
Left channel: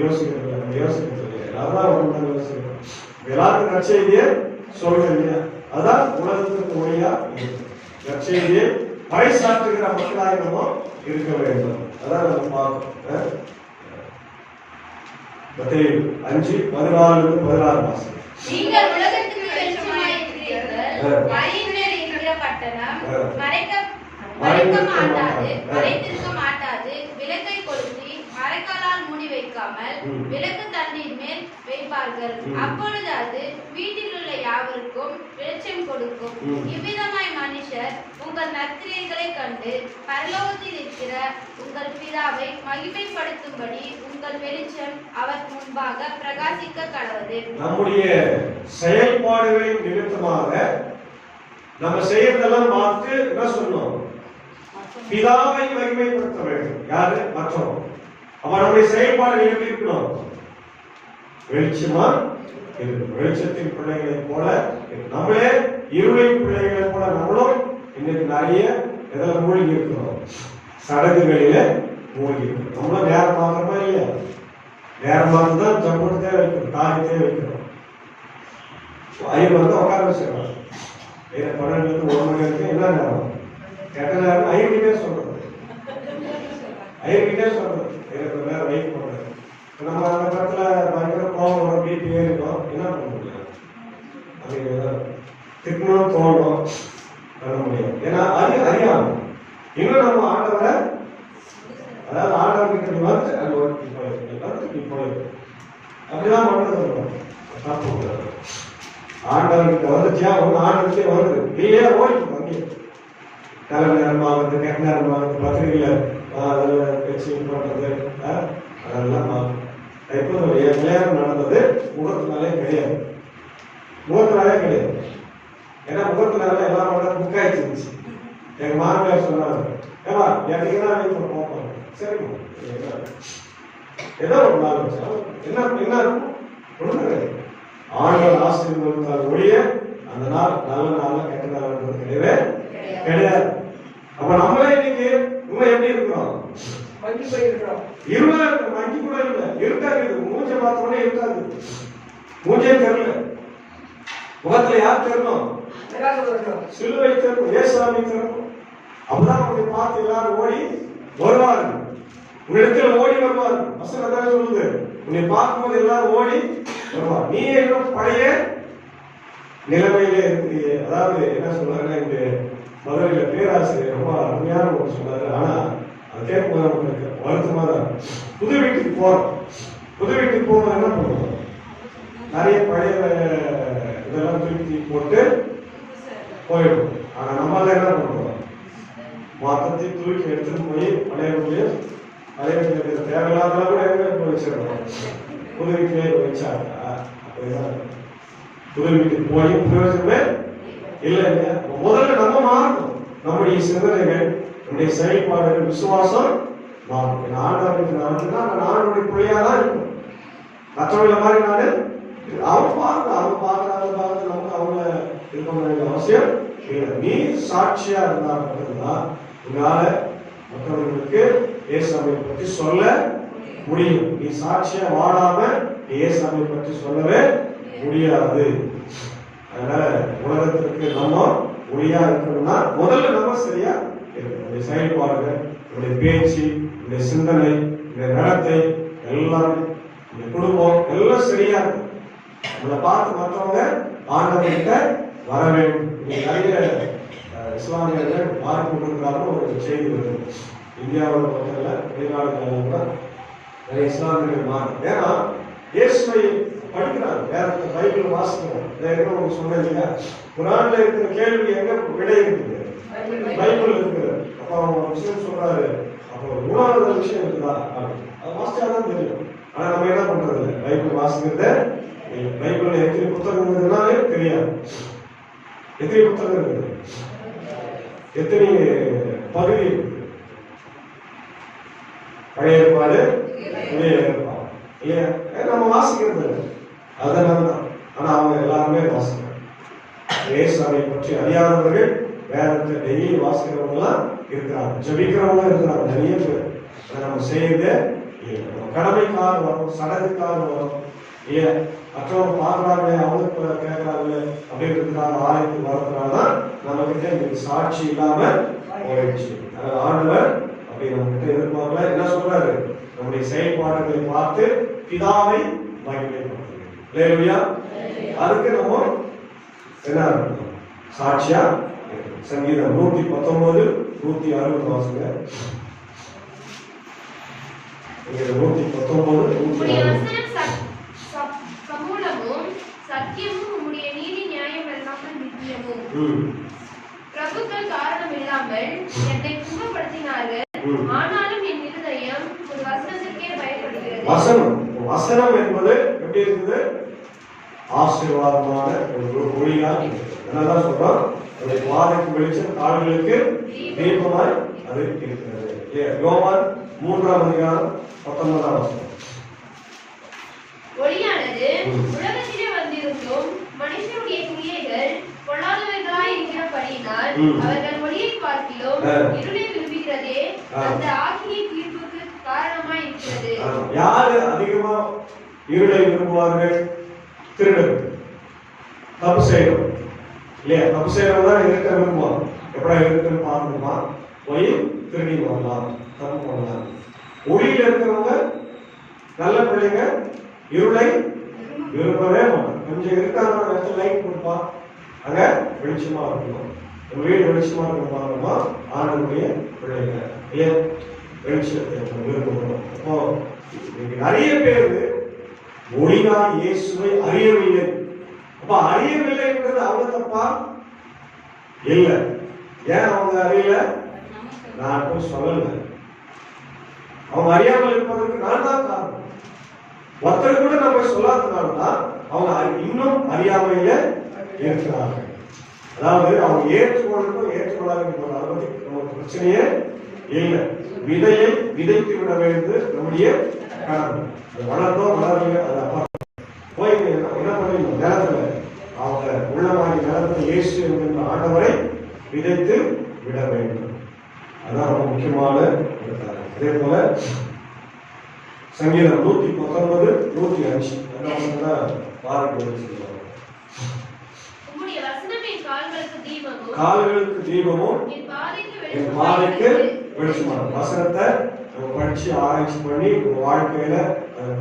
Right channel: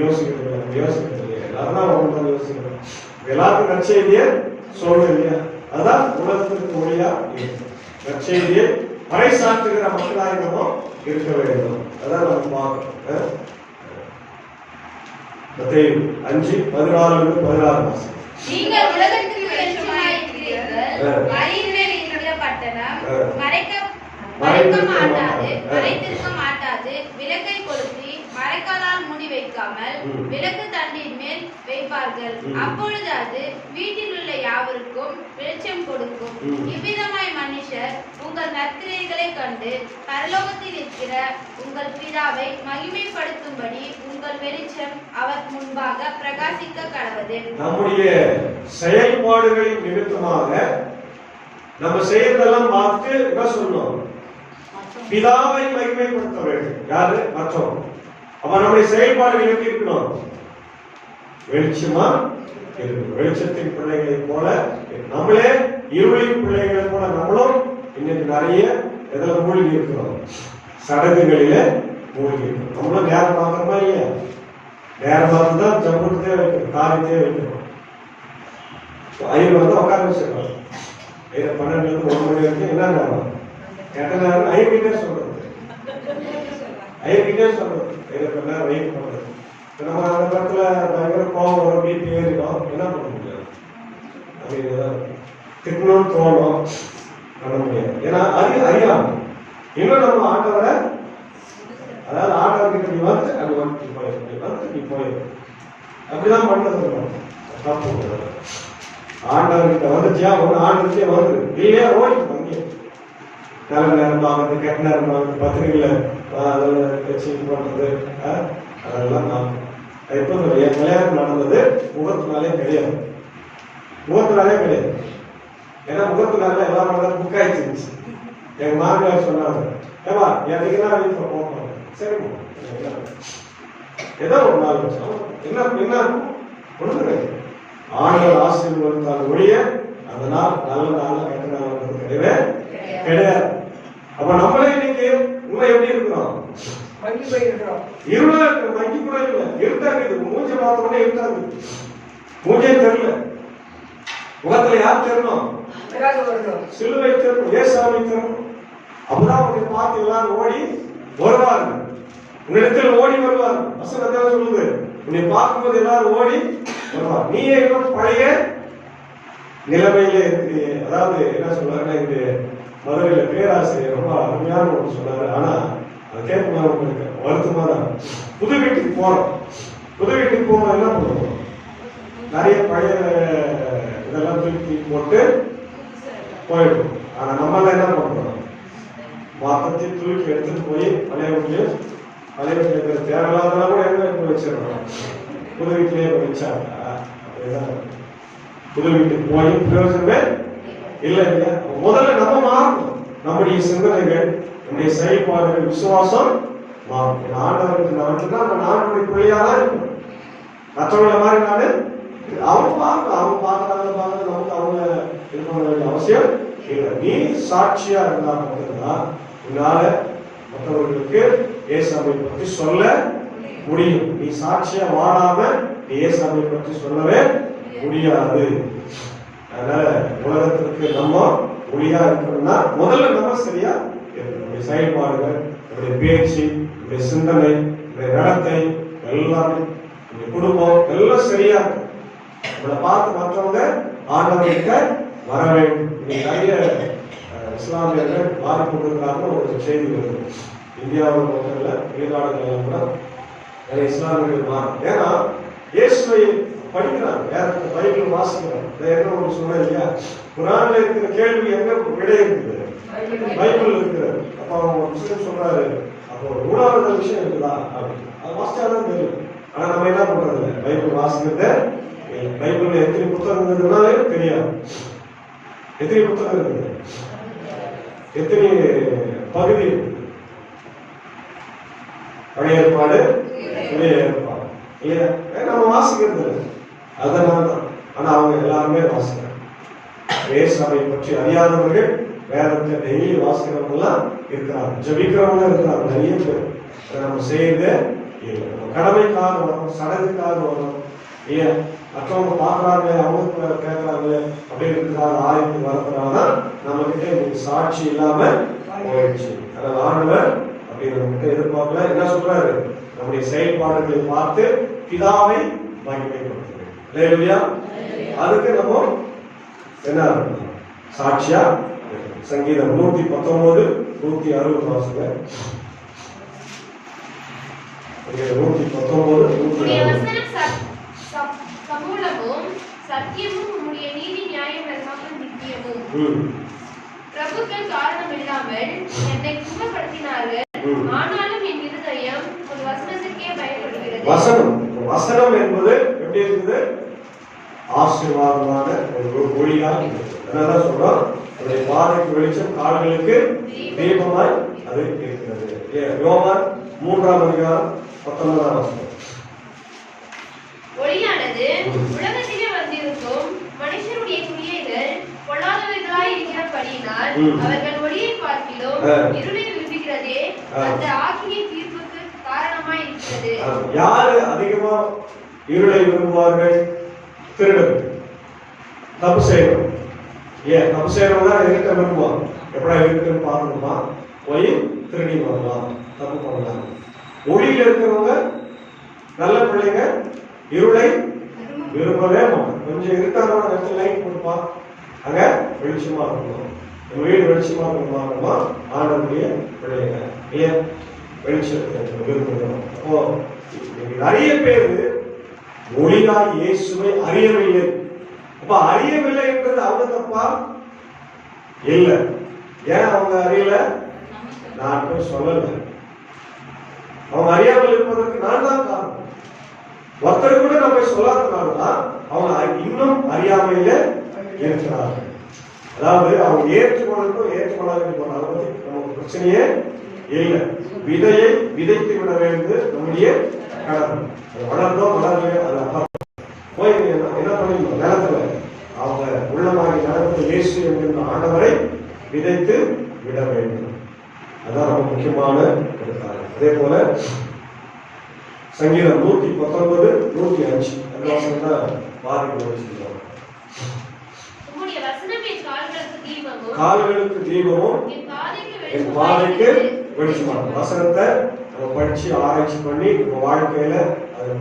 யோசிக்கிறது எல்லாரும் யோசிக்கிறோம். எல்லாருக்கும் நற்செய்தியை சொல்றது இல்லையா? அதான் உலகத்துக்கு ஒளியா நற்செய்தியை பறைசாற்றுகிற மக்களாக இருக்க வேண்டும். அதான் நம்ம பார்க்கணும். 5:14-16 நீங்கள் உலகத்துக்கு வெளிச்சமாயிருக்கிறீர்கள். மலையின்மேல் இருக்கிற பட்டணம் மறைத்திருக்க மாட்டாது. விளக்கை கொளுத்தி மரக்காலால் மூடி வைக்காமல் விளக்கு தண்டின் மேல் வைப்பார்கள். அப்பொழுது அது வீட்டில் உள்ள யாவருக்கும் வெளிச்சம் கொடுக்கும். இவ்விதமாய் மனுஷர் உங்கள் நற்கிரியைகளை கண்டு பரலோகத்தில் இருக்கிற உங்கள் பிதாவை மகிமைப்படுத்தும்படி உங்கள் வெளிச்சம் அவர் முன்பாக பிரகாசிக்க கடவது. நம்முடைய செயல்பாடுகளின் நிமித்தமாக நம்ம செய்யறதெல்லாம் பார்த்து என்ன சொல்லணும், பிதாவை மகிமைப்படுத்த வேண்டும். யாரு? மற்றவங்க. அப்ப நம்முடைய செயல்பாடுகள் எப்படி இருக்கணும்? வெளிச்சமா இருக்கணும். வெளிச்சத்தின் பிள்ளைகளை போல நம்மளே இருளின் பிள்ளைகளை போல நம்மளும் இன்னைக்கு நிறைய எதுல மூழ்கி இருக்கிறோம், சடங்குகளில மூழ்கி இருக்கிறோம். நம்மளும் நேரம் பார்க்கறோமா இல்லையா? நேரம் பார்த்துதான் ஜம்புட்டே வைக்கணும், காரியத்தையே வைக்கணும். ஐயர் வந்து உட்கார வச்சிருக்கோம். 12 to 1 மணி வரைக்கும் என்ன நேரம் கேட்ட நேரம் ஐயர்கிட்டே சொல்றது, ஐயர்கிட்டே சொல்றது, கொஞ்ச நேரம் வெயிட் பண்றது. நம்ம அந்த படத்துல பயங்கர கோவம் பிபி ஏறிடும், என்ன பண்ண முடியாது, அப்படி திட்டணும் தோணும், பண்ண முடியாது. ஏன்னா அது அறியாம இன்னும் நம்ம ஆண்டவரை, அதாவது ஆண்டவர்கிட்ட நீ வந்து அது ஒர்க் போயிருக்கு, நீ வந்து நீ போயிருக்கு, அப்படிதான் பண்றது தப்பு கூடாது. ஆண்டவர்கிட்ட வந்துச்சியா ஒன்று ஆண்டுச்சே வருது, நீயே ஓடிட்டு அங்கே நல்ல நேரம் பார்க்கறது, கெட்ட நேரம் பார்க்கறது, பத்திரிகையில் அதில் வச்சு பண்ணுறது, அதெல்லாம் நான் இப்போ என் கல்யாணம் நடந்தது முகத்தினாலே கிடையாது, முகத்தினாலே கிடையாது. ஏன்னா முகத்தினால எல்லாம் பண்ணுறது புக் ஆயிடுச்சு. எங்கள் மாமியார் சொன்னாங்க, ஏமா எனக்குதான் வீட்டில் போகணும், சரிம்மா ஏதோ ஒரு நாள் வச்சோம், என்ன என்ன ஒன்று ஆண்டவர் ஆசீர்வாதத்தால் ஒழிய அந்த நாள் நல்ல நாள் கெட்ட நாள் கிடையவே கிடையாது. அப்ப நம்மளே இன்னைக்கு உண்மை எப்படி இருக்கிறோம்? இருளா இருக்கு, மங்கி கூட இல்ல, இருட்டா இருக்குது. மூஞ்ச பார்த்தோன்னே இருட்டா இருக்கு, மூஞ்சே தெரியல. முகத்துல யார் தெரியணும்? சிலுவை தெரியணும், ஏசாமி தெரியணும். அப்பதான் அவங்க பார்த்து எல்லாரும் ஓடி வருவார்கள், உன்னிடத்தில் ஓடி வருவார்கள். வசனம் சொல்லுது, உன்னை பார்க்கும்போது எல்லாரும் ஓடி வருவார். நீ இன்னும் பழைய நிலைமையிலே இருக்கிறீங்க. அதாவது என்ன சொல்றாங்க, இந்த மதுரையில பேராசிரியர் ரொம்ப அருமையான ஒன்று சொன்னாரு. ஆனா அது கேட்கும்போது உங்களுக்கு வருத்தமா தான். புது வீட்டுக்கு போறோம், புது வீட்டுக்கு போக என்ன பண்ணுவோம், நிறைய பழைய இதெல்லாம் திருப்பி போட்டு போயிடும். ஆனா நம்மளால என்ன பண்றோம், மொத்தத்தையும் துருக்கி எடுத்துட்டு போய் பழைய வீட்டுல தேவையில்லாதெல்லாம் கூட எங்க போய் வச்சிடணும், புது வீட்டிலேயே போய் வச்சாங்க. புது வீட்டுக்கு போய் பிரயோஜனமே இல்ல இல்லையா? முதல்ல நம்ம மாறணும். நம்முடைய சிந்தனைகள், நம்முடைய செயல்பாடுகள், விசுவாசம் மாறணும். ஆண்டவருக்கு நான் ஆண்டவருடைய பிள்ளையா தான் இருக்கணும். மற்றவங்களை மாதிரி நாடு அவங்க பார்க்கறாங்க நமக்கு அவங்க இது பண்ண வேண்டிய அவசியம் இல்லை. நீ சாட்சியா இருந்தா மட்டும்தான் உங்களால மற்றவர்களுக்கு இயேசுவை பற்றி சொல்ல முடியும். நீ சாட்சியா வாழாம நீ இயேசுவை பற்றி சொல்லவே முடியாது. அதனால உலகத்திற்கு நம்ம ஒளியா இருக்கணும்னா முதல்ல நம்ம சரியா இருக்கணும். நம்முடைய செயல்பாடுகள், நம்முடைய பேச்சு, நம்முடைய சிந்தனை, நம்முடைய நடத்தை எல்லாம், நம்முடைய குடும்பம் எல்லாம் சரியா இருக்கும். நம்மளை பார்த்து மற்றவங்க ஆண்டவர்கிட்ட வர வேண்டும். நிறைய இஸ்லாமியர்கள் மாறிக்கொண்டிருக்கிறார்கள் ஒரு செய்தி வருது. இந்தியாவில் மட்டும் வெளிநாடுகளில் கூட நிறைய இஸ்லாமியர்கள் மாறும். ஏன்னா இயேசுவை படிக்கிறாங்க, வேற பைபிள் வாசிக்கிறோம். என்ன ஒன்று சொன்னேன் இல்லையா, குரான்ல இருக்கிற கேள்வி எங்க விடை இருக்குது, பைபிள் இருக்கிறது. அப்ப அவங்க முஸ்லிம் சொல்றாரு, அப்போ ஒரு மூணாவது விஷயம் இருக்குதா அப்படின்னு. அது வாசிச்சாதான் தெரியும். ஆனா நம்ம என்ன பண்றது, பைபிள் வாசிக்கிறத பைபிள்ல எத்தனை புத்தகம் இருக்குதுனாலே தெரியாது. எத்தனை புத்தகம் இருக்குது, எத்தனை பகுதி, பழைய ஏற்பாடு புதிய ஏற்பாடு இல்லையா, நம்ம வாசிக்கிறது அதனால தான். ஆனா அவங்க எல்லாருமே வாசிக்கிறாங்க. இயேசுவை பற்றி அறியாதவர்கள் வேதத்தை டெய்லி வாசிக்கிறவங்க எல்லாம் இருக்கிறாங்க, ஜபிக்கிறவங்க இருக்கிறாங்க நிறைய பேர். அதை நம்ம செய்யறதே இல்லை. நம்ம கடமைக்காக வரும், சடங்குக்காக வரும் இல்லையா, மற்றவங்க பார்க்கறாங்க, அவங்க கேட்கறாங்க அப்படி இருக்கிறாங்க, ஆயத்துக்கு வரதுனாலதான் நம்ம கிட்ட இன்னைக்கு சாட்சி இல்லாம போயிடுச்சு. அதனால ஆண்டவர் அப்படி நம்ம கிட்ட எதிர்பார்க்கல. என்ன சொல்றாரு, நம்முடைய செயல்பாடுகளை பார்த்து பிதாவை மகிமைப்படுத்துறோம். அதுக்கு நம்ம என்ன சாட்சியா சங்கீதம் 119 160 வாசுங்க. 119 சமூலமும் சத்தியமும் உம்முடைய நீதி நியாயம் இல்லாமல் நித்தியமும். பிரபுக்கள் காரணம் இல்லாமல் என்னை துன்பப்படுத்தினார்கள், ஆனாலும் என் இருதயம் ஒரு வசனத்திற்கே பயப்படுகிறது. வசனம் என்பது எப்படி இருக்குது, ஆசீர்வாதமான ஒரு ஒளியா இருக்குது. அதனால சொல்றோம், பாதைக்கு வெளிச்சம், கால்களுக்கு தீபமாய் அது இருக்கிறது. யோவான் 3:19 ஒளியானது உலகத்திலே வந்திருக்கும் மனுஷருடைய கிரியைகள் பொல்லாதவைகளாய் இருக்கிறபடியினால் அவர்கள் ஒளியை பார்க்கிலும் இருளை விரும்புகிறதே அந்த ஆக்கினை தீர்ப்புக்கு காரணமாய் இருக்கிறது. யாரு அதிகமா இருளை விரும்புவார்கள்? திருடர்கள், தப்பு செய்யணும் இல்லையா, தப்பு செய்யறவங்க தான் இருக்க விரும்புவாங்க. எப்படா இருக்குன்னு பார்க்கணுமா, போய் திருடி வரலாம், தப்பு பண்ணலாம். ஒளியில இருக்கிறவங்க நல்ல பிள்ளைங்க இருளை விரும்பவே மாட்டோம். கொஞ்சம் இருக்கான இடத்துல லைட் கொடுப்பா, அங்க வெளிச்சமா இருக்கணும், வீடு வெளிச்சமா இருக்கணுமா, ஆண்டவருடைய பிள்ளைங்க இல்லையா, வெளிச்சம் விரும்பணும். அப்போ நிறைய பேர் ஒளியாய் இயேசுவை அறியவில்லை. அப்ப அறியவில்லை என்றது அவங்க தப்பா இல்ல. ஏன் அவங்க அறியல, நான் சொல்லல. அவங்க அறியாமல் இருப்பதற்கு நான் தான் காரணம். ஒருத்தர் கூட நம்ம சொல்லாதனால்தான் அவங்க இன்னும் அறியாமையில இருக்கிறார்கள். அதாவது அவங்க ஏற்றுக்கொள்ளணும் ஏற்றுக்கொள்ளாத அதை பத்தி நமக்கு பிரச்சனையே இல்லை. விதையை விதைத்து விட வேண்டியது நம்முடைய கடமை. வளர்ந்தோம் வளர்ந்து அதை போய் என்ன பண்ணிடணும், நிலத்துல அவங்க உள்ளமாகி நிலத்தை இயேசு என்கின்ற ஆண்டவரை விதைத்து விட வேண்டும். அதான் ரொம்ப முக்கியமான ஒரு காரணம். அதே போல சங்கீதம் 119 105 கால்களுக்கு தீபமும் என் பாதைக்கு வெளிச்சமாகும். வசனத்தை நம்ம படிச்சு ஆராய்ச்சி பண்ணி நம்ம வாழ்க்கையில அதை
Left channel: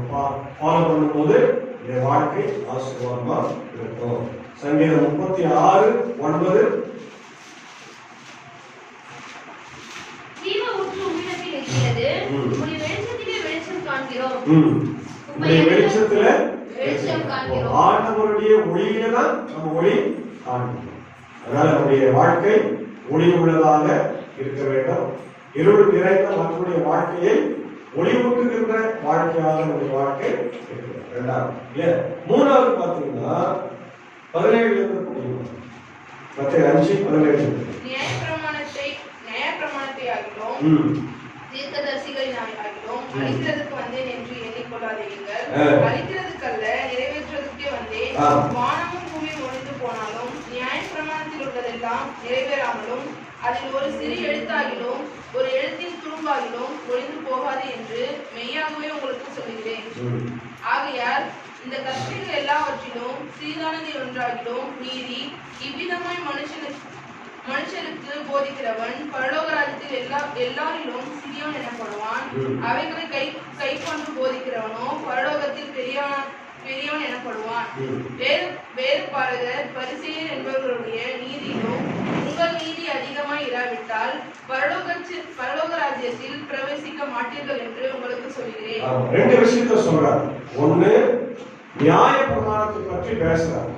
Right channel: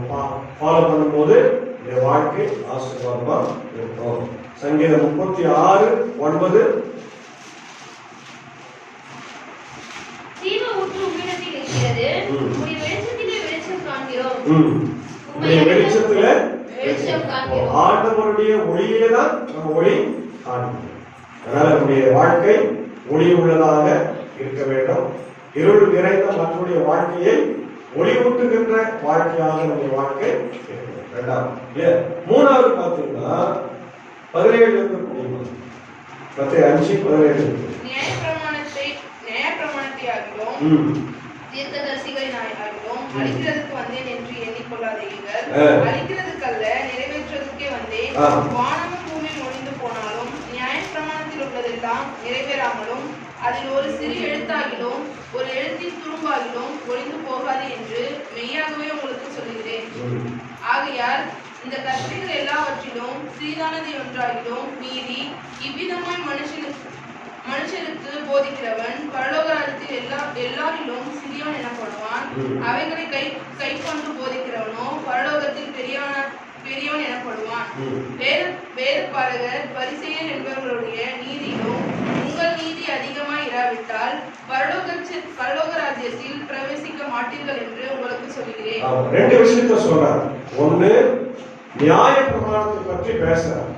ஃபாலோ பண்ணும்போது என் வாழ்க்கை ஆசீர்வாதமா இருக்கும். சங்கீதம் 36:9 வெளிச்சத்துல ஆண்டவருடைய ஒளியிலே தான் நம்ம ஒளி காண்கிறோம். அதனால நம்முடைய வாழ்க்கை ஒளி உள்ளதாக இருக்க வேண்டும். இருள் நிறைந்த மற்றவருடைய வாழ்க்கையை ஒளிவூட்டுகின்ற வாழ்க்கையாக நம்முடைய வாழ்க்கை இருக்கிறது. இரண்டாவது இல்லையா. மூணாவது பார்த்தீங்கன்னா 17 இருக்கக்கூடிய மத்தேயு 5:17. நியாயப்பிரமாணத்தை ஆகிலும் தீர்க்கதரிசிகளின் ஆகிலும் அழிக்கிறதுக்கு வந்தேன் என்று எண்ணிக்கொள்ளாதீர்கள். அழிக்கிறதுக்கல்ல, நிறைவேற்றுவதற்கே வந்தேன். வானமும் பூமியும் ஒழிந்து போனாலும் நியாயப்பிரமாணத்தில் உள்ளதெல்லாம் நிறைவேறாமலும் அதில் ஒரு சிறு எழுத்தாகிலும் ஒரு எழுத்தின் துரும்பாகிலும் ஒழிந்து போகாது என்று மெய்யாகவே உங்களுக்கு சொல்கிறேன். ஆகையால் இந்த கற்பனைகள் எல்லாவற்றிலும் சிறிதானது ஒன்றாகிலும் நீதி. இவ்விதமாய் மனுஷருக்கு போதிக்கிறவன் பரலோக ராஜ்யத்தில் எல்லாரிலும் சிறியவன் எனப்படுவான். அவைகளை கை கொண்டு போதிக்கிறவனோ பரலோகத்தில் பெரியவன் எனப்படுவான். வேதபாரகர் பரிசேயர் என்பவர்களுடைய நீதியிலும் உங்கள் நீதி அதிகமாய் இராவிட்டால் பரலோக ராஜ்யத்தில் பிரவேசிக்க மாட்டீர்கள் என்று உங்களுக்கு சொல்கிறேன். ரெண்டு விஷயத்த சொல்றார். ஒண்ணு, நியாய பிரமாணத்தை பற்றி பேசுறார்.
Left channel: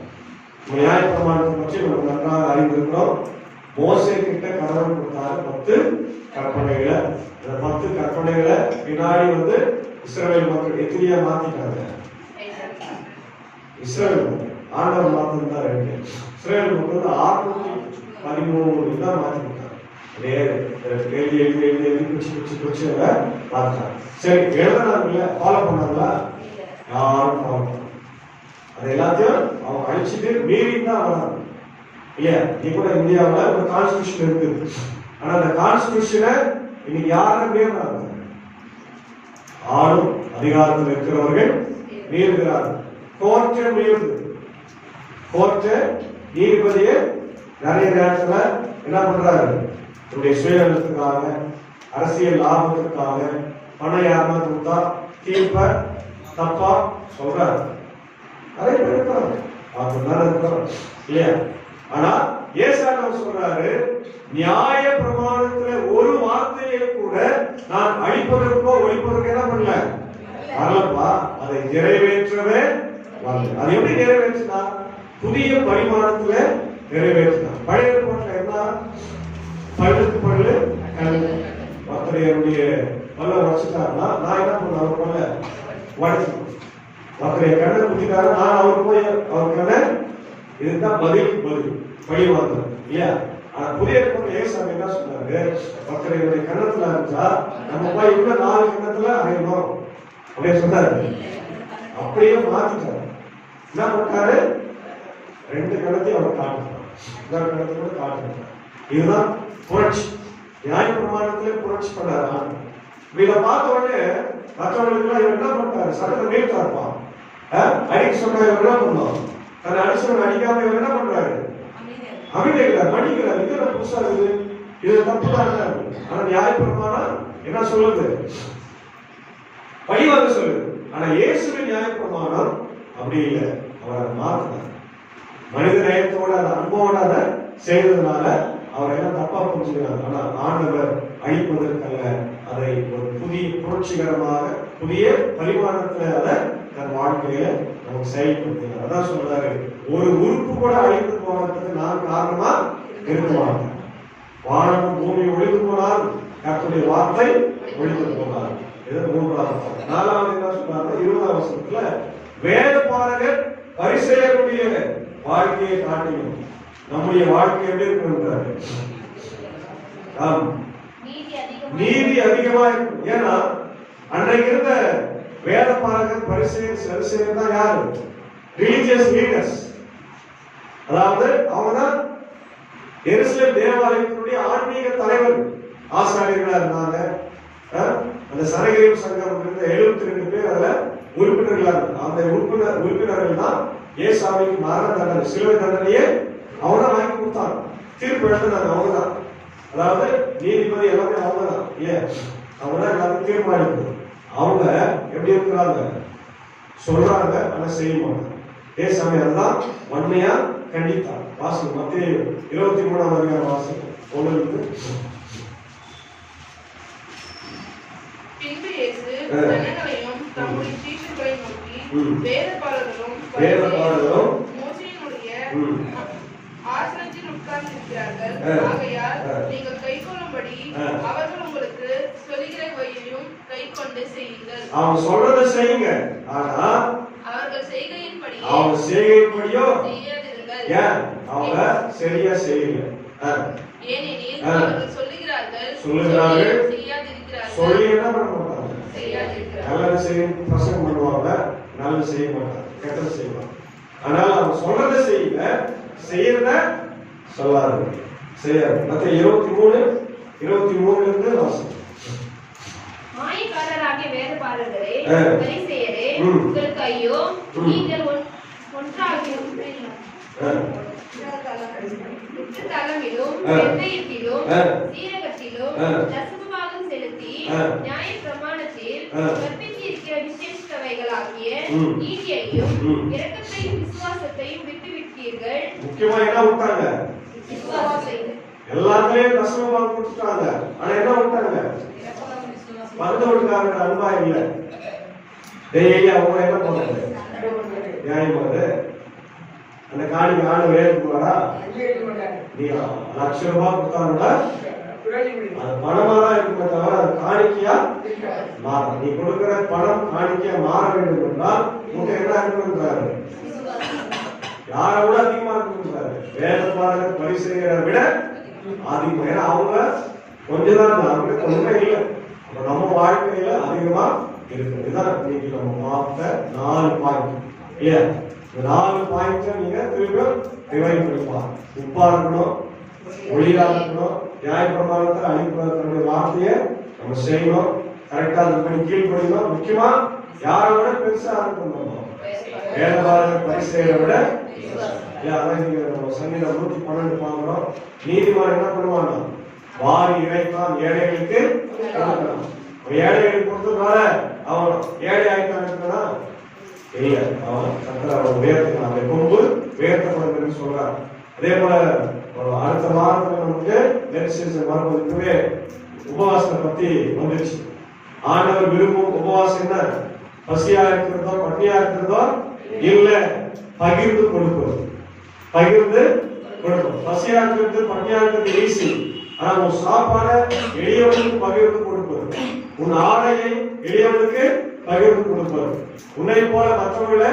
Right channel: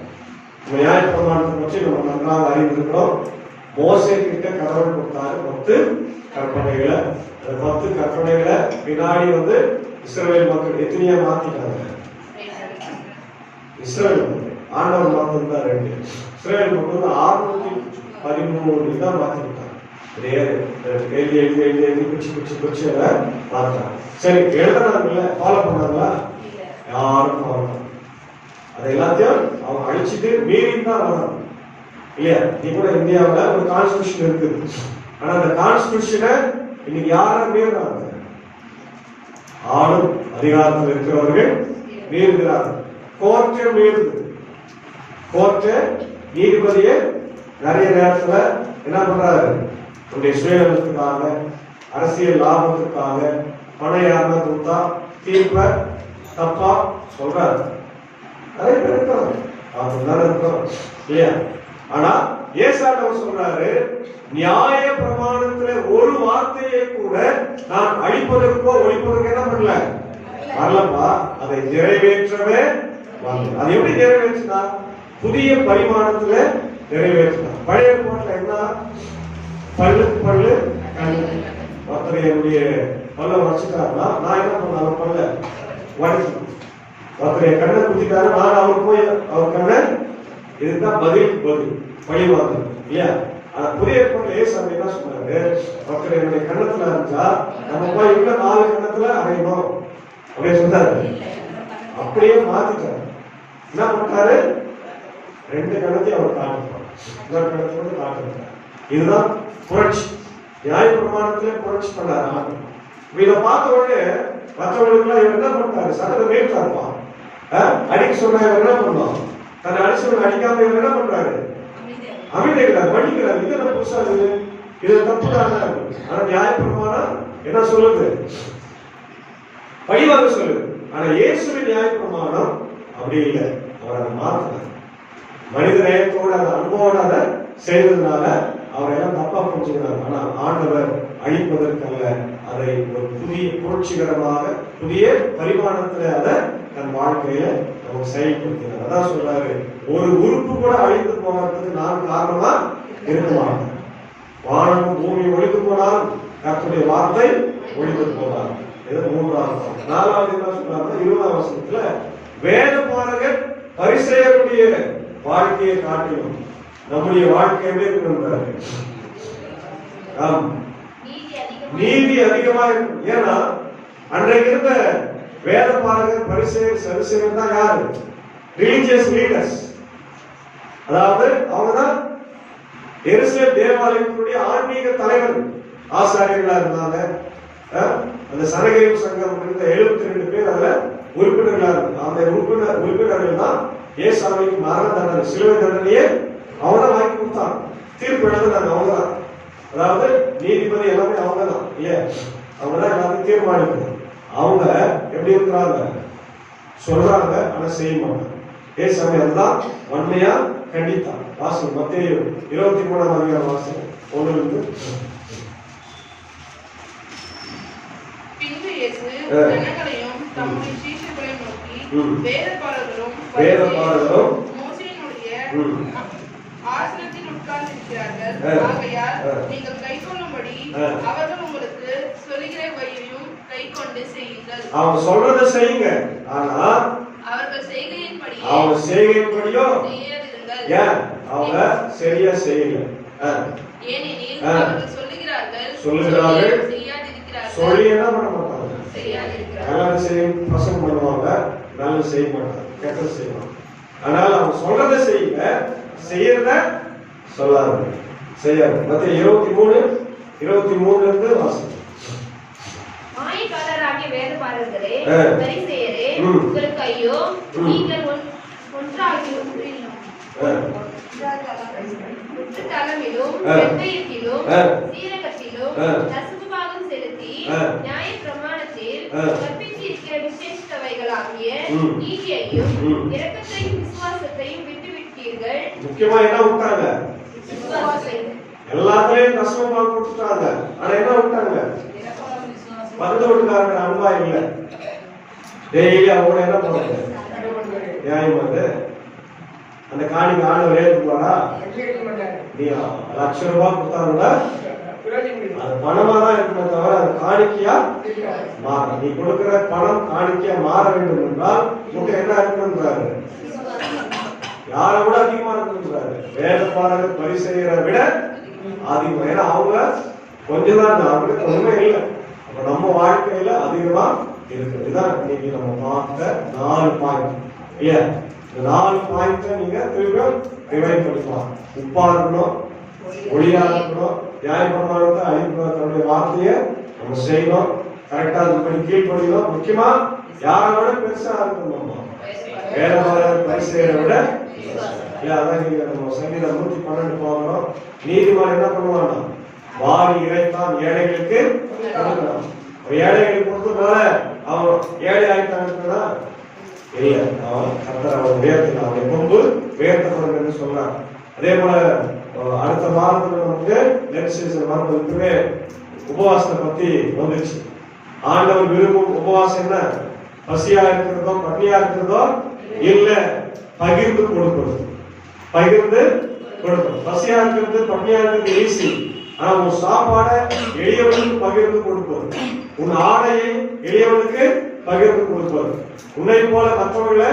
நியாய பிரமாணத்தை பற்றி நம்ம நன்றாக அறிந்திருக்கிறோம். மோசே கிட்ட கடவுள் கொடுத்தாரு 10 கற்பனைகளை. அந்த 10 கற்பனைகளை பின்னாடி இஸ்ரவேல் மக்கள் எத்தனையா மாத்திட்டாங்க? இஸ்ரவேல் ஆண்டவர் மாத்திருந்தா 2. இஸ்ரவேல் மக்கள் 613 தான் மாத்திட்டாங்க. சரி, எழுதுறாங்கல்ல, ஃபாலோ பண்ணாங்களா? யாரும் ஃபாலோ பண்ண. அது எல்லாத்தையும் அவங்க அழிச்சிட்டு மீறி தான் வராங்க இல்லையா? நீ கூட இந்தியாவில் ஒரு கான்ஸ்டியூஷன் இருக்குது. ஆனா அந்த கான்ஸ்டியூஷனை இன்னைக்கு யாரும் மீறுறாங்க? ஆளும் அதிகாரத்தில் இருக்கிறவர்கள் மீறுகிறார்கள். கோர்ட்டை மீறுது. கோர்ட்டை நீதிபதியை நிறைய நேரத்துல என்ன பண்றாரு? உடைய சுயநலத்துக்காக, அரசியல் லாபத்துக்காக பணம் யாருன்னா கொடுத்தா தீர்ப்ப தப்பா சொல்றாரு. நிறைய பேர் இருக்கிறாங்க. அப்படிதான் இருக்கிறோம் இல்லையா? ஆனா ஏசாண்டவர் சொல்றாரு, நியாய பிரமாணத்துல ஒரு வார்த்தையை கூட நான் அழிப்பதற்கோ ஒழிப்பதற்கோ என்ன பண்ணல வரலப்பா, அதை நிறைவேற்றவே வந்து. அது எப்படி நிறைவேற்றினா? புதிய பரிமாணத்துல நிறைவேற்றினார். பழைய ஏற்பாட்டுல என்ன? பல்லுக்கு பல்லு ஒருத்தர் என்னுடைய பல்ல உடச்சிட்டாருன்னா நான் என்ன பண்ண? அவர் பல்ல உடச்சு. ஒருத்தர் கண்ணை குத்திட்டாரு, நான் அவர் போய் அவர் கண்ணை, இதுதான் பதில் பழிவாங்க இல்லையா? ஆனா புதிய ஏற்பாட்டுல ஏசாமி என்ன சொன்னாரு? ஒருத்தர் என்னுடைய கண்ணத்துல இருந்தா நம்ம போய் இன்னும் 4 கண்ணத்துல அடையணும் அப்படின்னு சொன்னாரு. அப்படியே மாத்திட்டாரு. என்ன பண்ணாரு? 2 கணத்தையும் அவர் காட்டுறார், இன்னொரு கணத்தோட காட்டுறார். இதுதான் புரட்சி. நியாய பிரமாணத்திலே புரட்சி பண்ணாரு. இதை பார்த்த உடனே மற்றவங்களுக்கு எல்லாம் இவர் என்ன பண்றாரு? சட்டத்தை மீட்டாருப்பான். அடிக்க சொன்ன இவர் என்ன பண்ணுவான்? தன்னை அடிச்சவன் அடிக்காம இவர் என்ன பண்றாரு? அமைதிக்கிறார், மன்னிக்கிறார். இது என்ன புதுசா இருக்குது? இது தப்பு தான். ஆனா நியாய பிரமாணம் என்ன சொல்லுது? பழிவாங்க சொல்லுது. ஆனா இயேசுவின் நியாய பிரமாணம் அப்படி இல்லை. அவர் அதை மாற்றினார். மனித நேயத்தோட அந்த அன்போட அதை செய்ததுனால அவர் எல்லாம் தப்பா புரிஞ்சுக்கிறார். ஆனா ஆண்டவர் அழிப்பதற்கல்ல, அதை ஒரு புதிய புரட்சிகரமாக புதிய பரிமாணத்துல அதை தன் வாழ்க்கையில நமக்கு செயல்படுத்தினார். அதான் சொல்றாரு, ஒரு உறுப்பு கூட அழிந்து போகிறதுக்கு நான் காரணமா இருக்க மாட்டேன். வானமும் பூமியும் ஒழிந்து போனால் கர்த்தருடைய வார்த்தை ஒழிந்து போனார். இது 3வது. 4வது என்ன சொல்றாரு? 20வது வசனத்துல வேத பாரகர் பரிசேயருடைய வாழ்க்கையை காட்டிலும் நம்முடைய வாழ்க்கை எப்படி இருக்கிறாரு? நீதி அதிகமா இருக்கும். ஏன்னா அன்றைக்கு இருந்த வேத பாரகர் பரிசேயர் சதுசேயர் தான் யாரு? Religious leaders. அதாவது அவங்கதான் எருசலேம் தேவாலயத்தினுடைய ஆன்மீக தலைவர், ஆசாரியர்களா இருந்தாங்க. அந்த சனகரிப்பு சங்கம் இருந்த 72 பேர் அதுல உறுப்பினர்களா இருந்தாங்க. அந்த உறுப்பினர்கள் தான் ஏசாமிக்கு மரண தண்டனை, சிலுவை தண்டனையே அவங்க தான் வாங்கி கொடுத்தாங்க. தீர்ப்பு எழுதினாங்க அவங்க தான். அதாவது நீதிபதி எல்லாமே அவங்க தான் இல்லையா? அவங்க தான் எல்லாத்தையும் தீர்மானிக்கிறது. அவங்க எப்படி இருக்கிறாங்க? சொல்றாங்க, ஆனா செய்ய மாட்டாங்க. ஏசாமி அதுதான் வன்மையா கண்டித்தார். வாசல் மத்தேயு 23ஆம் அதிகாரம் வாசல் 1. பின்பு இயேசு ஜனங்களையும் தம்முடைய சீஷர்களையும் நோக்கி, வேதபாரகரும் மோசேயினுடைய ஆசனத்தில் உட்கார்ந்திருக்கிறார்கள். ஆகையால் நீங்கள் கைக்கொள்ளும்படி அவர்கள் உங்களுக்கு சொல்லுகிற வழியையும் கைக்கொண்டு செய்யுங்கள். அவங்க சொல்றதை செய்யுங்க, ஆனா அவர்கள் செய்கையின்படியோ ஏன் அவங்க சரியா செய்யல. ஏனெனில் ஆ. அவர்கள் சொல்லுகிறார்கள் செய்யாதிருக்கிறார்கள். சொல்லி என்ன பண்ண மாட்டாங்க, செய்யாதிருக்கிறார்கள். நல்லது செய்யும் பசங்க பண்ணுவாங்க, நல்லது செய்ய மாட்டாங்க, கெட்டது செய்வாங்க. அதனால அவங்க சொல்றதை செய்யல, செய்யறத சொல்லாது செய்யாது. மத்திய 23:23 இருந்து வாசிக்கும். மாயக்காரராகிய வேதபாரகரே, ஆ. பரிசேயரே, ம். உங்களுக்கு ஐயோ! ம். நீங்கள் ஒன்றாகி தளமிலும் ஆ. வெண்மையத்திலும் ஆ. சீரகத்திலும் ஆ. தசமபாகம் செலுத்தி ஆ. நியாய பிரமாணத்தில் ஆ. கற்பித்திருக்கிற விசேஷித்தவைகளாகிய ம். நீதியையும் ம். இரக்கத்தையும் விசுவாசத்தையும் விட்டுவிட்டீர்கள். முக்கியமா என்ன விட்டாங்க, விசுவாசத்தை எல்லாத்துலயும் தசமமாக கொடுத்துட்டாங்க. ஆனா என்ன விட்டாங்க, பக்கத்து வீட்டுக்காரங்க அன்பா இல்ல. டெய்லி அவங்க என்ன பண்ணுவாங்க, நியாயம் வந்து அந்த காணிக்கு ஆளு வேறுபாடா, நீ ₹1,00,000 கொடுத்தாங்கன்னா அது பணமா தான் இருக்குமே தவிர அது காணிக்கையா மாற. நீ கொடுக்கிற பணம் காணிக்கையா மாற வேண்டும் என்றால் உனக்கு என்ன இருக்குன்றாரு, யாரை விட அதிகமா இருக்குன்றாரு. வேதபாரகர் பரிசேயரை விட அதிகம். ஏன்னா அவங்க கொஞ்சம் தான், அவங்களுக்கு உண்மை இல்லை. அப்ப நம்ம வாழ்க்கையில அதிகமா இருக்கு. இதுதான் இன்னைக்கு நம்ம பார்த்த 4 பாயிண்ட் இல்லையா? இந்த 4 பாயிண்ட நீங்க திருப்பியும் ரிவைண்ட் பண்ணிக்கலாம். உப்பா இருக்கணும், ஒளியா இருக்கணும், நியாயப்பிரமாணத்தை அழிப்புடைய வார்த்தையை நம்ம செய்யணும், கரெக்டா அது பண்ணி கீழ்படியணும். முக்கியமா யாரை விட பெருசா இருக்கணும், நம்ம வேதபாரகர் பரிசேயரை விட இல்ல. அதான் நீங்க நம்ம சங்கீதம் 112 பார்க்கிறோம். நீதிமான் என்ன பண்ணுவாங்க, வாரி இறைத்தான் ஏழைகளுக்கு கொடுக்கணும். ஏழைகளுக்கு கொடுத்ததுனால அவன் ஏழை ஆயிட்டான்னா இல்ல, அவன் கர்த்தர் அவன் உயர்த்து, அவனை கொண்டு உயர்த்தப்படும் என்று சொல்றார். அதே போல அடுத்த வாரத்துல நமக்கு நெரிசல் வரும்போது உபவாசத்தை பத்தி வந்துச்சு. ஆண்டவர் விரும்பும் உபவாசம் என்ன, பசியா இருக்கிறதோ பட்டியா இருக்கிறதோ இல்ல, பகிர்ந்து கொடுப்பது. பகிர்ந்து கொடுப்பது. பசியா இருக்கிறது பட்டியா இருக்கிறது ஈஸி. ஆனா உன் சாப்பாடை எளியவனுக்கு பகிர்ந்து கொடுப்பது, உன் ஆடையை எளியவனுக்கு பகிர்ந்து கொடுப்பது, உன்னை போல மற்றவர்களை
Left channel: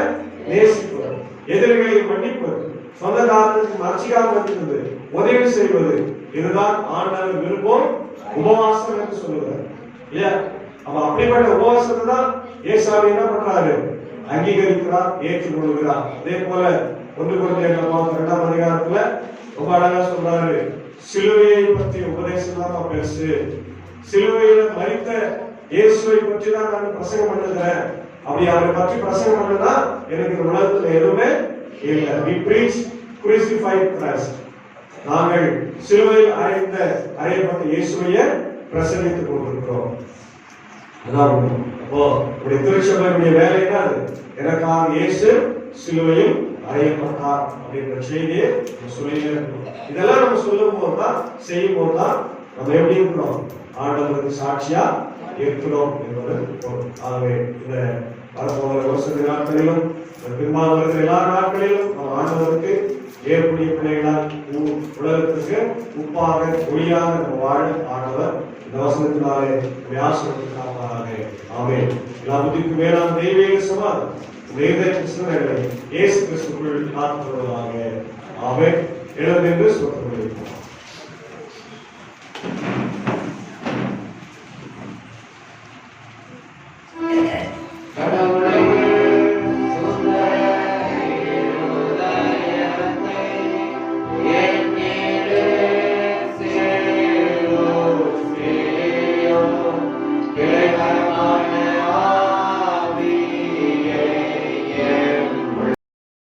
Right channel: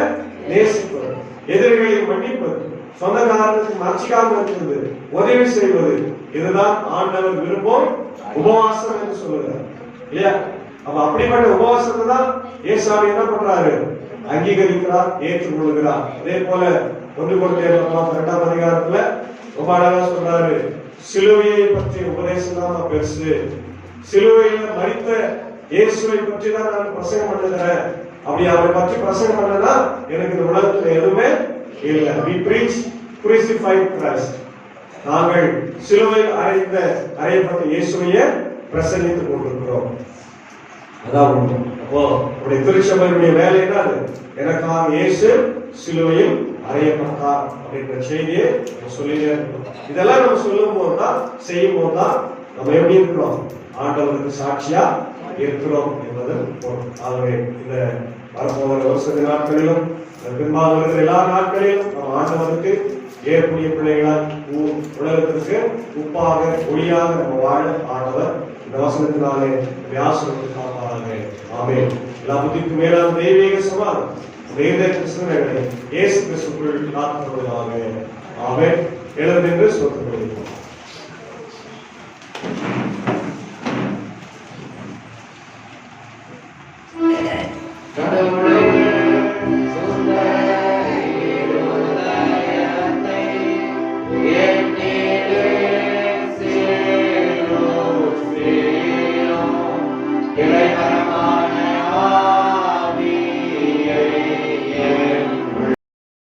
நேசிப்பது, எதிரிகளை மன்னிப்பது, சொந்தக்காரனுக்கு மறைச்சிக்காம இருக்கிறது, உதவி செய்வது. இதுதான் ஆண்டவர் விரும்பும் உபவாசம் என்று சொல்லுகிறார் இல்லையா? அப்ப அப்படிப்பட்ட உபவாசத்தை தான் ஏசாமி என்ன பண்றாரு, அங்கீகரிக்கிறார், ஏற்றுக்கொள்கிறார். அதே போல 1 கொரிந்தியர் 2ஆம் அதிகாரத்துல ரொம்ப அழகா சொல்றாரு, சிலுவையை பற்றி உபதேசம் தான் பெருசு, சிலுவையில மரித்த இயேசுவை பற்றி தான் நான் பிரசங்கம் பண்ணுகிறேன். அப்படி அவரை பற்றி பிரசங்கம் பண்ணனா எனக்கு இந்த உலகத்துல எதுவுமே இல்லை. We preach crucified Christ. நாங்கள் சிலுவையில் அறையப்பட்ட இயேசுவையே பிரசங்கித்துக் கொண்டிருக்கிறோம். அதான் உண்மை. அப்போ உடைய திருச்சபையுடைய வேலை என்ன, எனக்காக இயேசு சிலுவையில் அறையப்பட்டார் அப்படின்ற செய்தியை சொல்லியே இருக்கிறோம். இதெல்லாம் நம்ம சொல்லும் போதுதான், செய்யும் போதுதான் நம்ம எப்படி இருக்கிறோம், ஆண்டவருக்கு சாட்சியா இருக்கிறோம் என்பது பொருள். ஆகவே இந்த வரப்போகிற வருஷத்து நாட்களிலும் பின்பாக வருகிற எல்லா நாட்களிலும் நாம் ஆண்டவருக்கு ஏற்புடைய பிள்ளைகளால் உலகத்திற்கு உப்பாக ஒளியாக நம்ம வாழ ஆண்டவர் இந்த வசனத்தினாலே ஆசீர்வதித்து காப்பாராக. ஆமென். எல்லா புத்திக்கும் மேலான தெய்வீக சமாதானம் கிறிஸ்துவை இயேசு கிறிஸ்துவுக்குள் காத்துக்கொள்வதாக. ஆமென். எழுந்து சொத்து